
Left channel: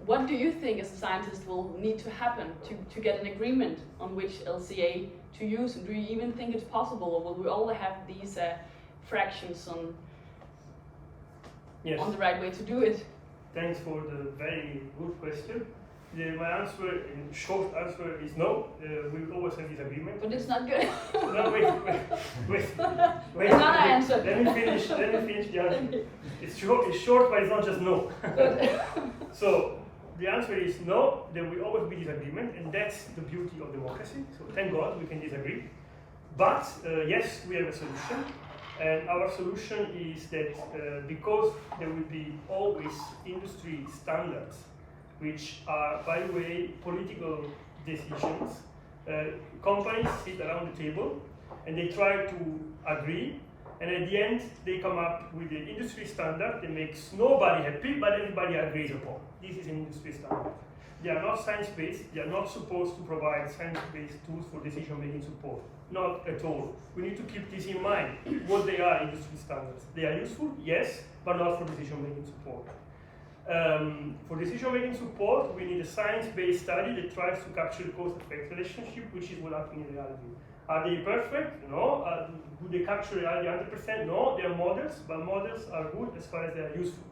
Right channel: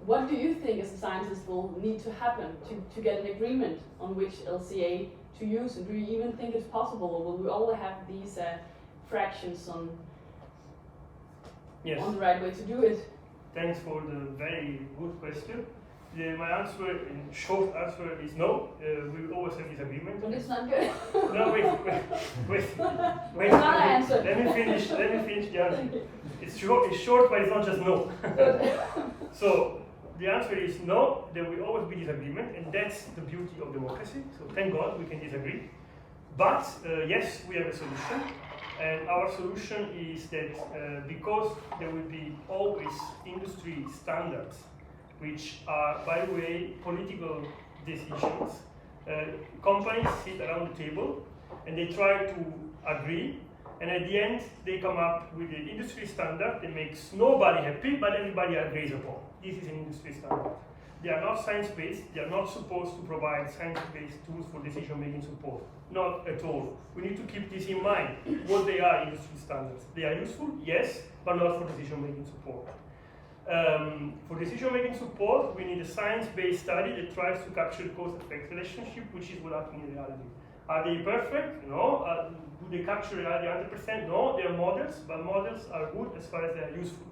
What do you think as a scientist will need to happen to get an agreement on which LCA to use? And do you even think it's possible, or will we all have these fractions on the right way to do it? Thanks for the very good question. My answer, in short answer, is no. We will always have disagreement. But it's not good. No, wait. Another answer. Let me finish the answer. It's short, but it's not just no. So the answer is no. There will always be disagreement, and that's the beauty of democracy. So thank God we can disagree. But yes, we have a solution. And our solution is that because there will be always industry standards, which are, by the way, political decisions, companies sit around the table and they try to agree, and at the end they come up with an industry standard that makes nobody happy, but everybody agrees upon. This is an industry standard. they are not science-based, they are not supposed to provide science-based tools for decision-making support. Not at all. We need to keep this in mind. What they are industry standards. They are useful, yes, but not for decision-making support. For decision-making support, we need a science-based study that tries to capture the cause-effect relationship, which is what happens in reality. Are they perfect? No. Do they capture reality 100%? No. They are models, but models are good as far as they are useful.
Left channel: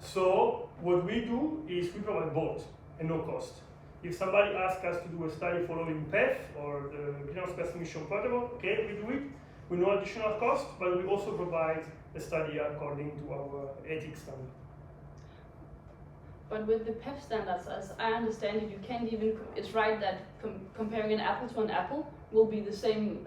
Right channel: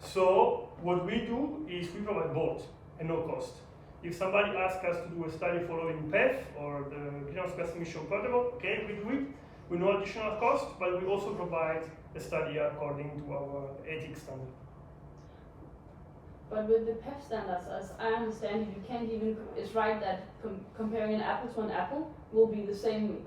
So what we do is we provide both at no cost. If somebody asks us to do a study following PEF or the Greenhouse Gas Emission Protocol, okay, we do it with no additional cost, but we also provide a study according to our ethics standard. But with the PEF standards, as I understand it, you can't even. It's right that comparing an apple to an apple will be the same.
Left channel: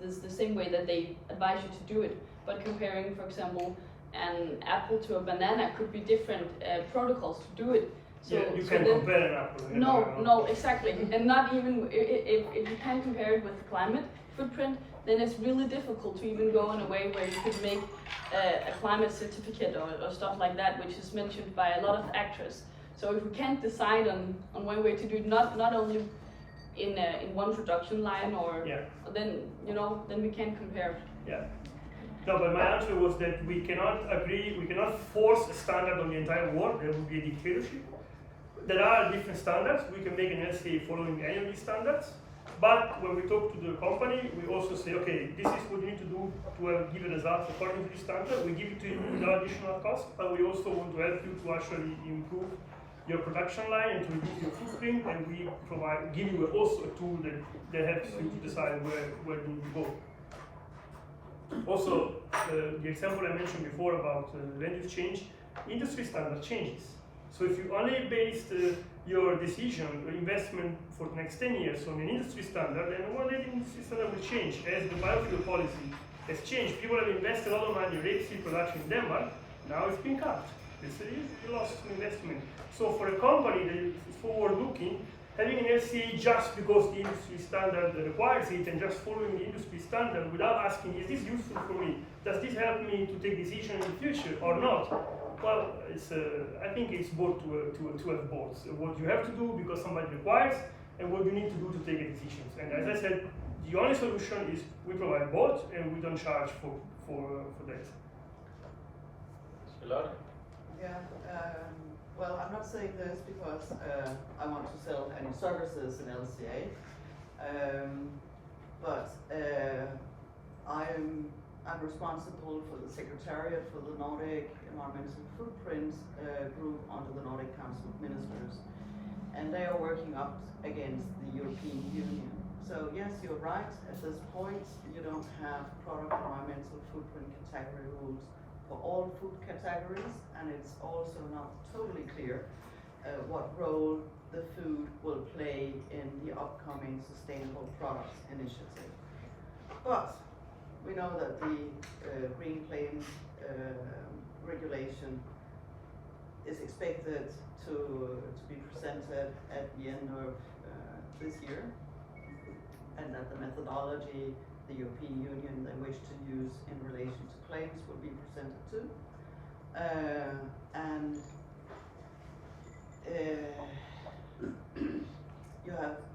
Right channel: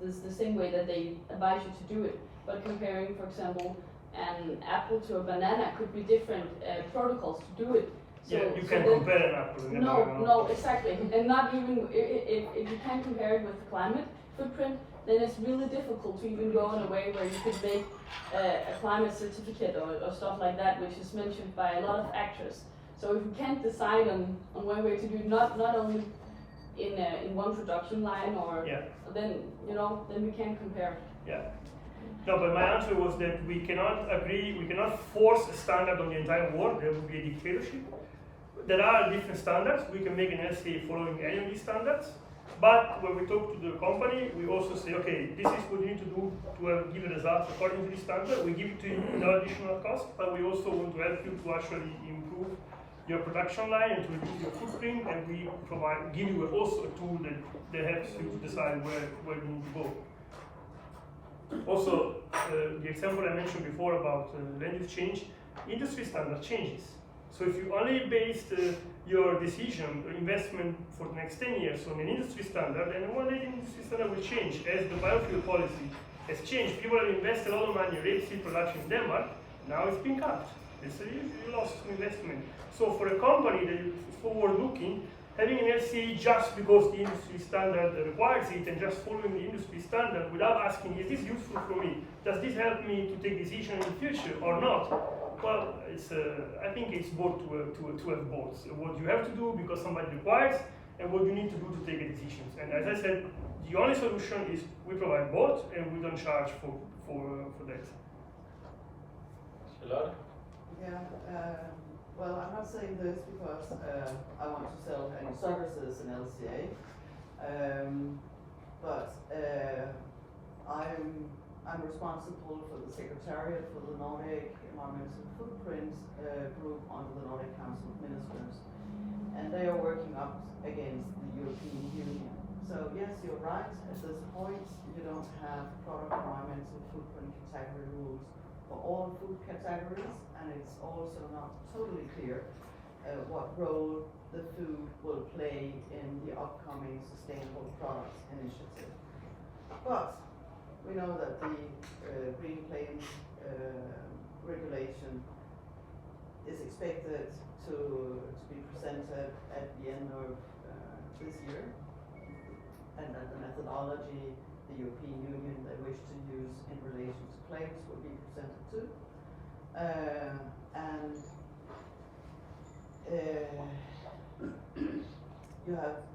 The same way that they advise you to do it. But comparing, for example, an apple to a banana could be different protocols to do it. So, yeah, you can compare an apple and a banana. No, exactly. And not even if you can't compare it with the climate footprint, then it's really difficult to even go in a way where you could make a climate certificate or stuff like that, which is mentioned by a lot of actors. So if we can't decide on one way to do it, not only in one production line then we can't compare. Yeah. No, but my answer was that we cannot agree, we cannot force a standard on the entire world. There would be a dictatorship. There are different standards. We can make an LCA following any of these standards. But when we talk to the company, we also say, okay, this is what you need to do to give a result according to this standard. We give it to you without additional cost, but we also want to help you to actually improve your production line and to reduce your footprint, and we give you also a tool that helps you to decide where you need to go. Also, the example I mentioned before about land use change, industry standard changes. So if you only based your decision, or investment for the next 10 years on an industry standard, then one day the industry standard will change. As the biofuel policy has changed, people have invested a lot of money in rapeseed production in Denmark, now it's been cut. It's a lost investment. So for a company that is forward-looking, having an LCA just because the industry standard requires it and just following the industry standard without asking, is this useful for me? Does this help me to take decisions in the future or not? Well, I think it's both to have both. What you have to do because somebody requires and what you need to do to take a decision. And as I said, the only solution is we provide both and we don't charge for that. Yeah, well, I'm not saying this because I want to sell any services in LCA, but I'm responsible for the Secretariat for the Nordic Environmental Footprint group under the Nordic Council of Ministers, and they are working up against the European Union. So yes, you're right, at this point you don't have product environmental footprint category rules for all food categories, and it's also not totally clear what role the food will play in the upcoming Sustainable Products Initiative. But we know that the Green Plains regulation is expected to be presented at the end of this year, and that the methodology the European Union they wish to use in relation to claims will be presented too. And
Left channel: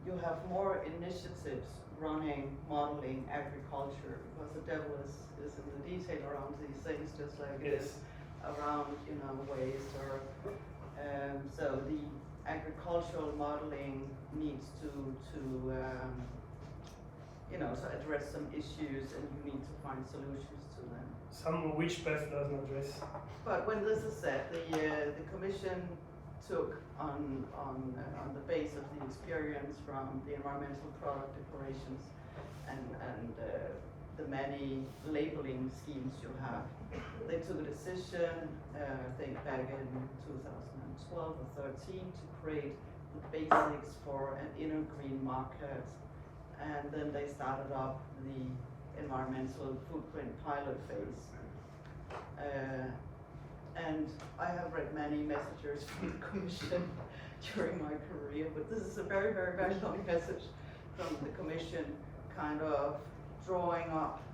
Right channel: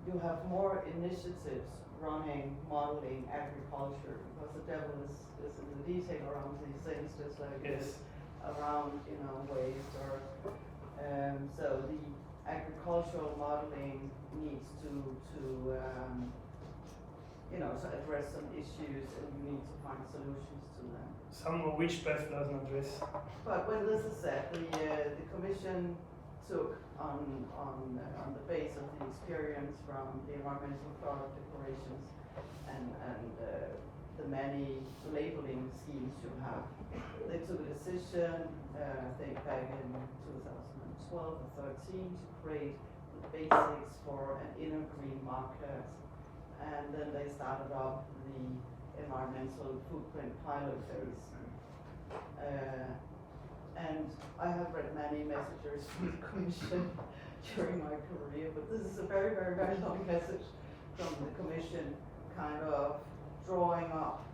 you have more initiatives running modeling agriculture, because the devil is in the detail around these things, just like it is around waste or so the agricultural modeling needs to address some issues, and you need to find solutions to them. Some of which PEF doesn't address. But when this is said, the Commission took on the basis of the experience from the environmental product declarations and the many labeling schemes you have, they took a decision, I think back in 2012 or 13, to create the basics for an inner green market. And then they started up the environmental footprint pilot phase. And I have read many messages from the Commission during my career, but this is a very, very, very long message from the Commission, kind of drawing up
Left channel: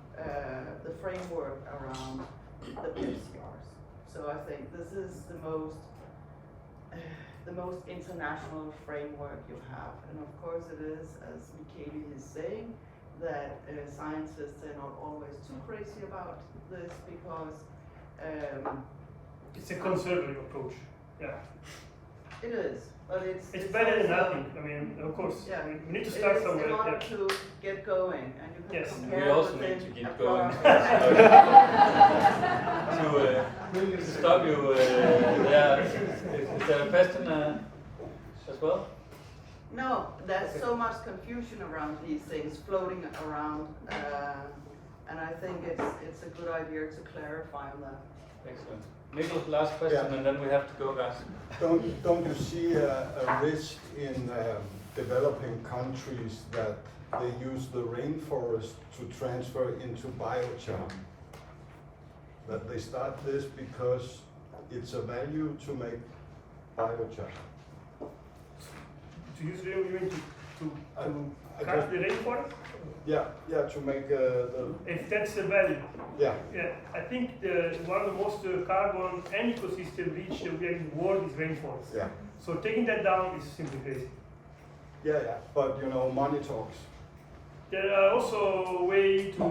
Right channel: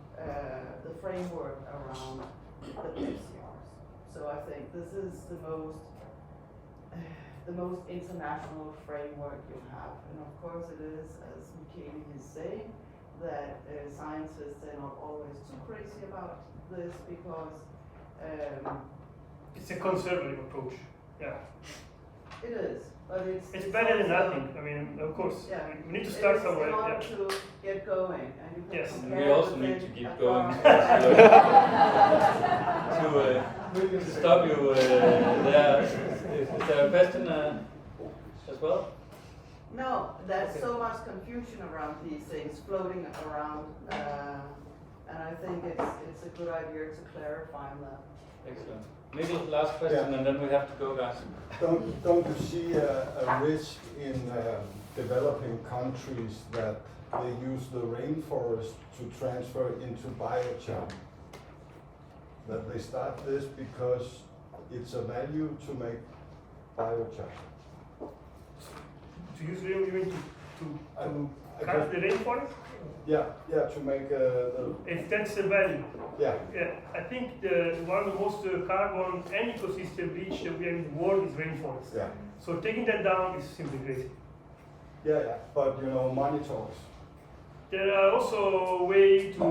the framework around the PCRs. So I think this is the most the most international framework you have. And of course it is, as Michele is saying, that scientists are not always too crazy about this because It's a conservative approach. Yeah. it is, but It's better than also- nothing. I mean, of course, Yeah. we need to It start is somewhere. in order Yeah. to get going, and you can Yes. compare We also with need it to keep at going. what- To stop you there. Is there a question as well? No, there's so much confusion around these things floating around, and I think it's a good idea to clarify that. Excellent. Maybe last question, Yeah. and then we have to go back. Don't you see a risk in developing countries that they use the rainforest to transfer into biochar? That they start this because it's a value to make biochar. To use rain, you mean to I cut just- the rainforest? Yeah, to make If that's a value. yeah. Yeah, I think one of the most carbon and ecosystem rich that we have in the world is rainforest. Yeah. So taking that down is simply crazy. Yeah, but money talks. There are also ways to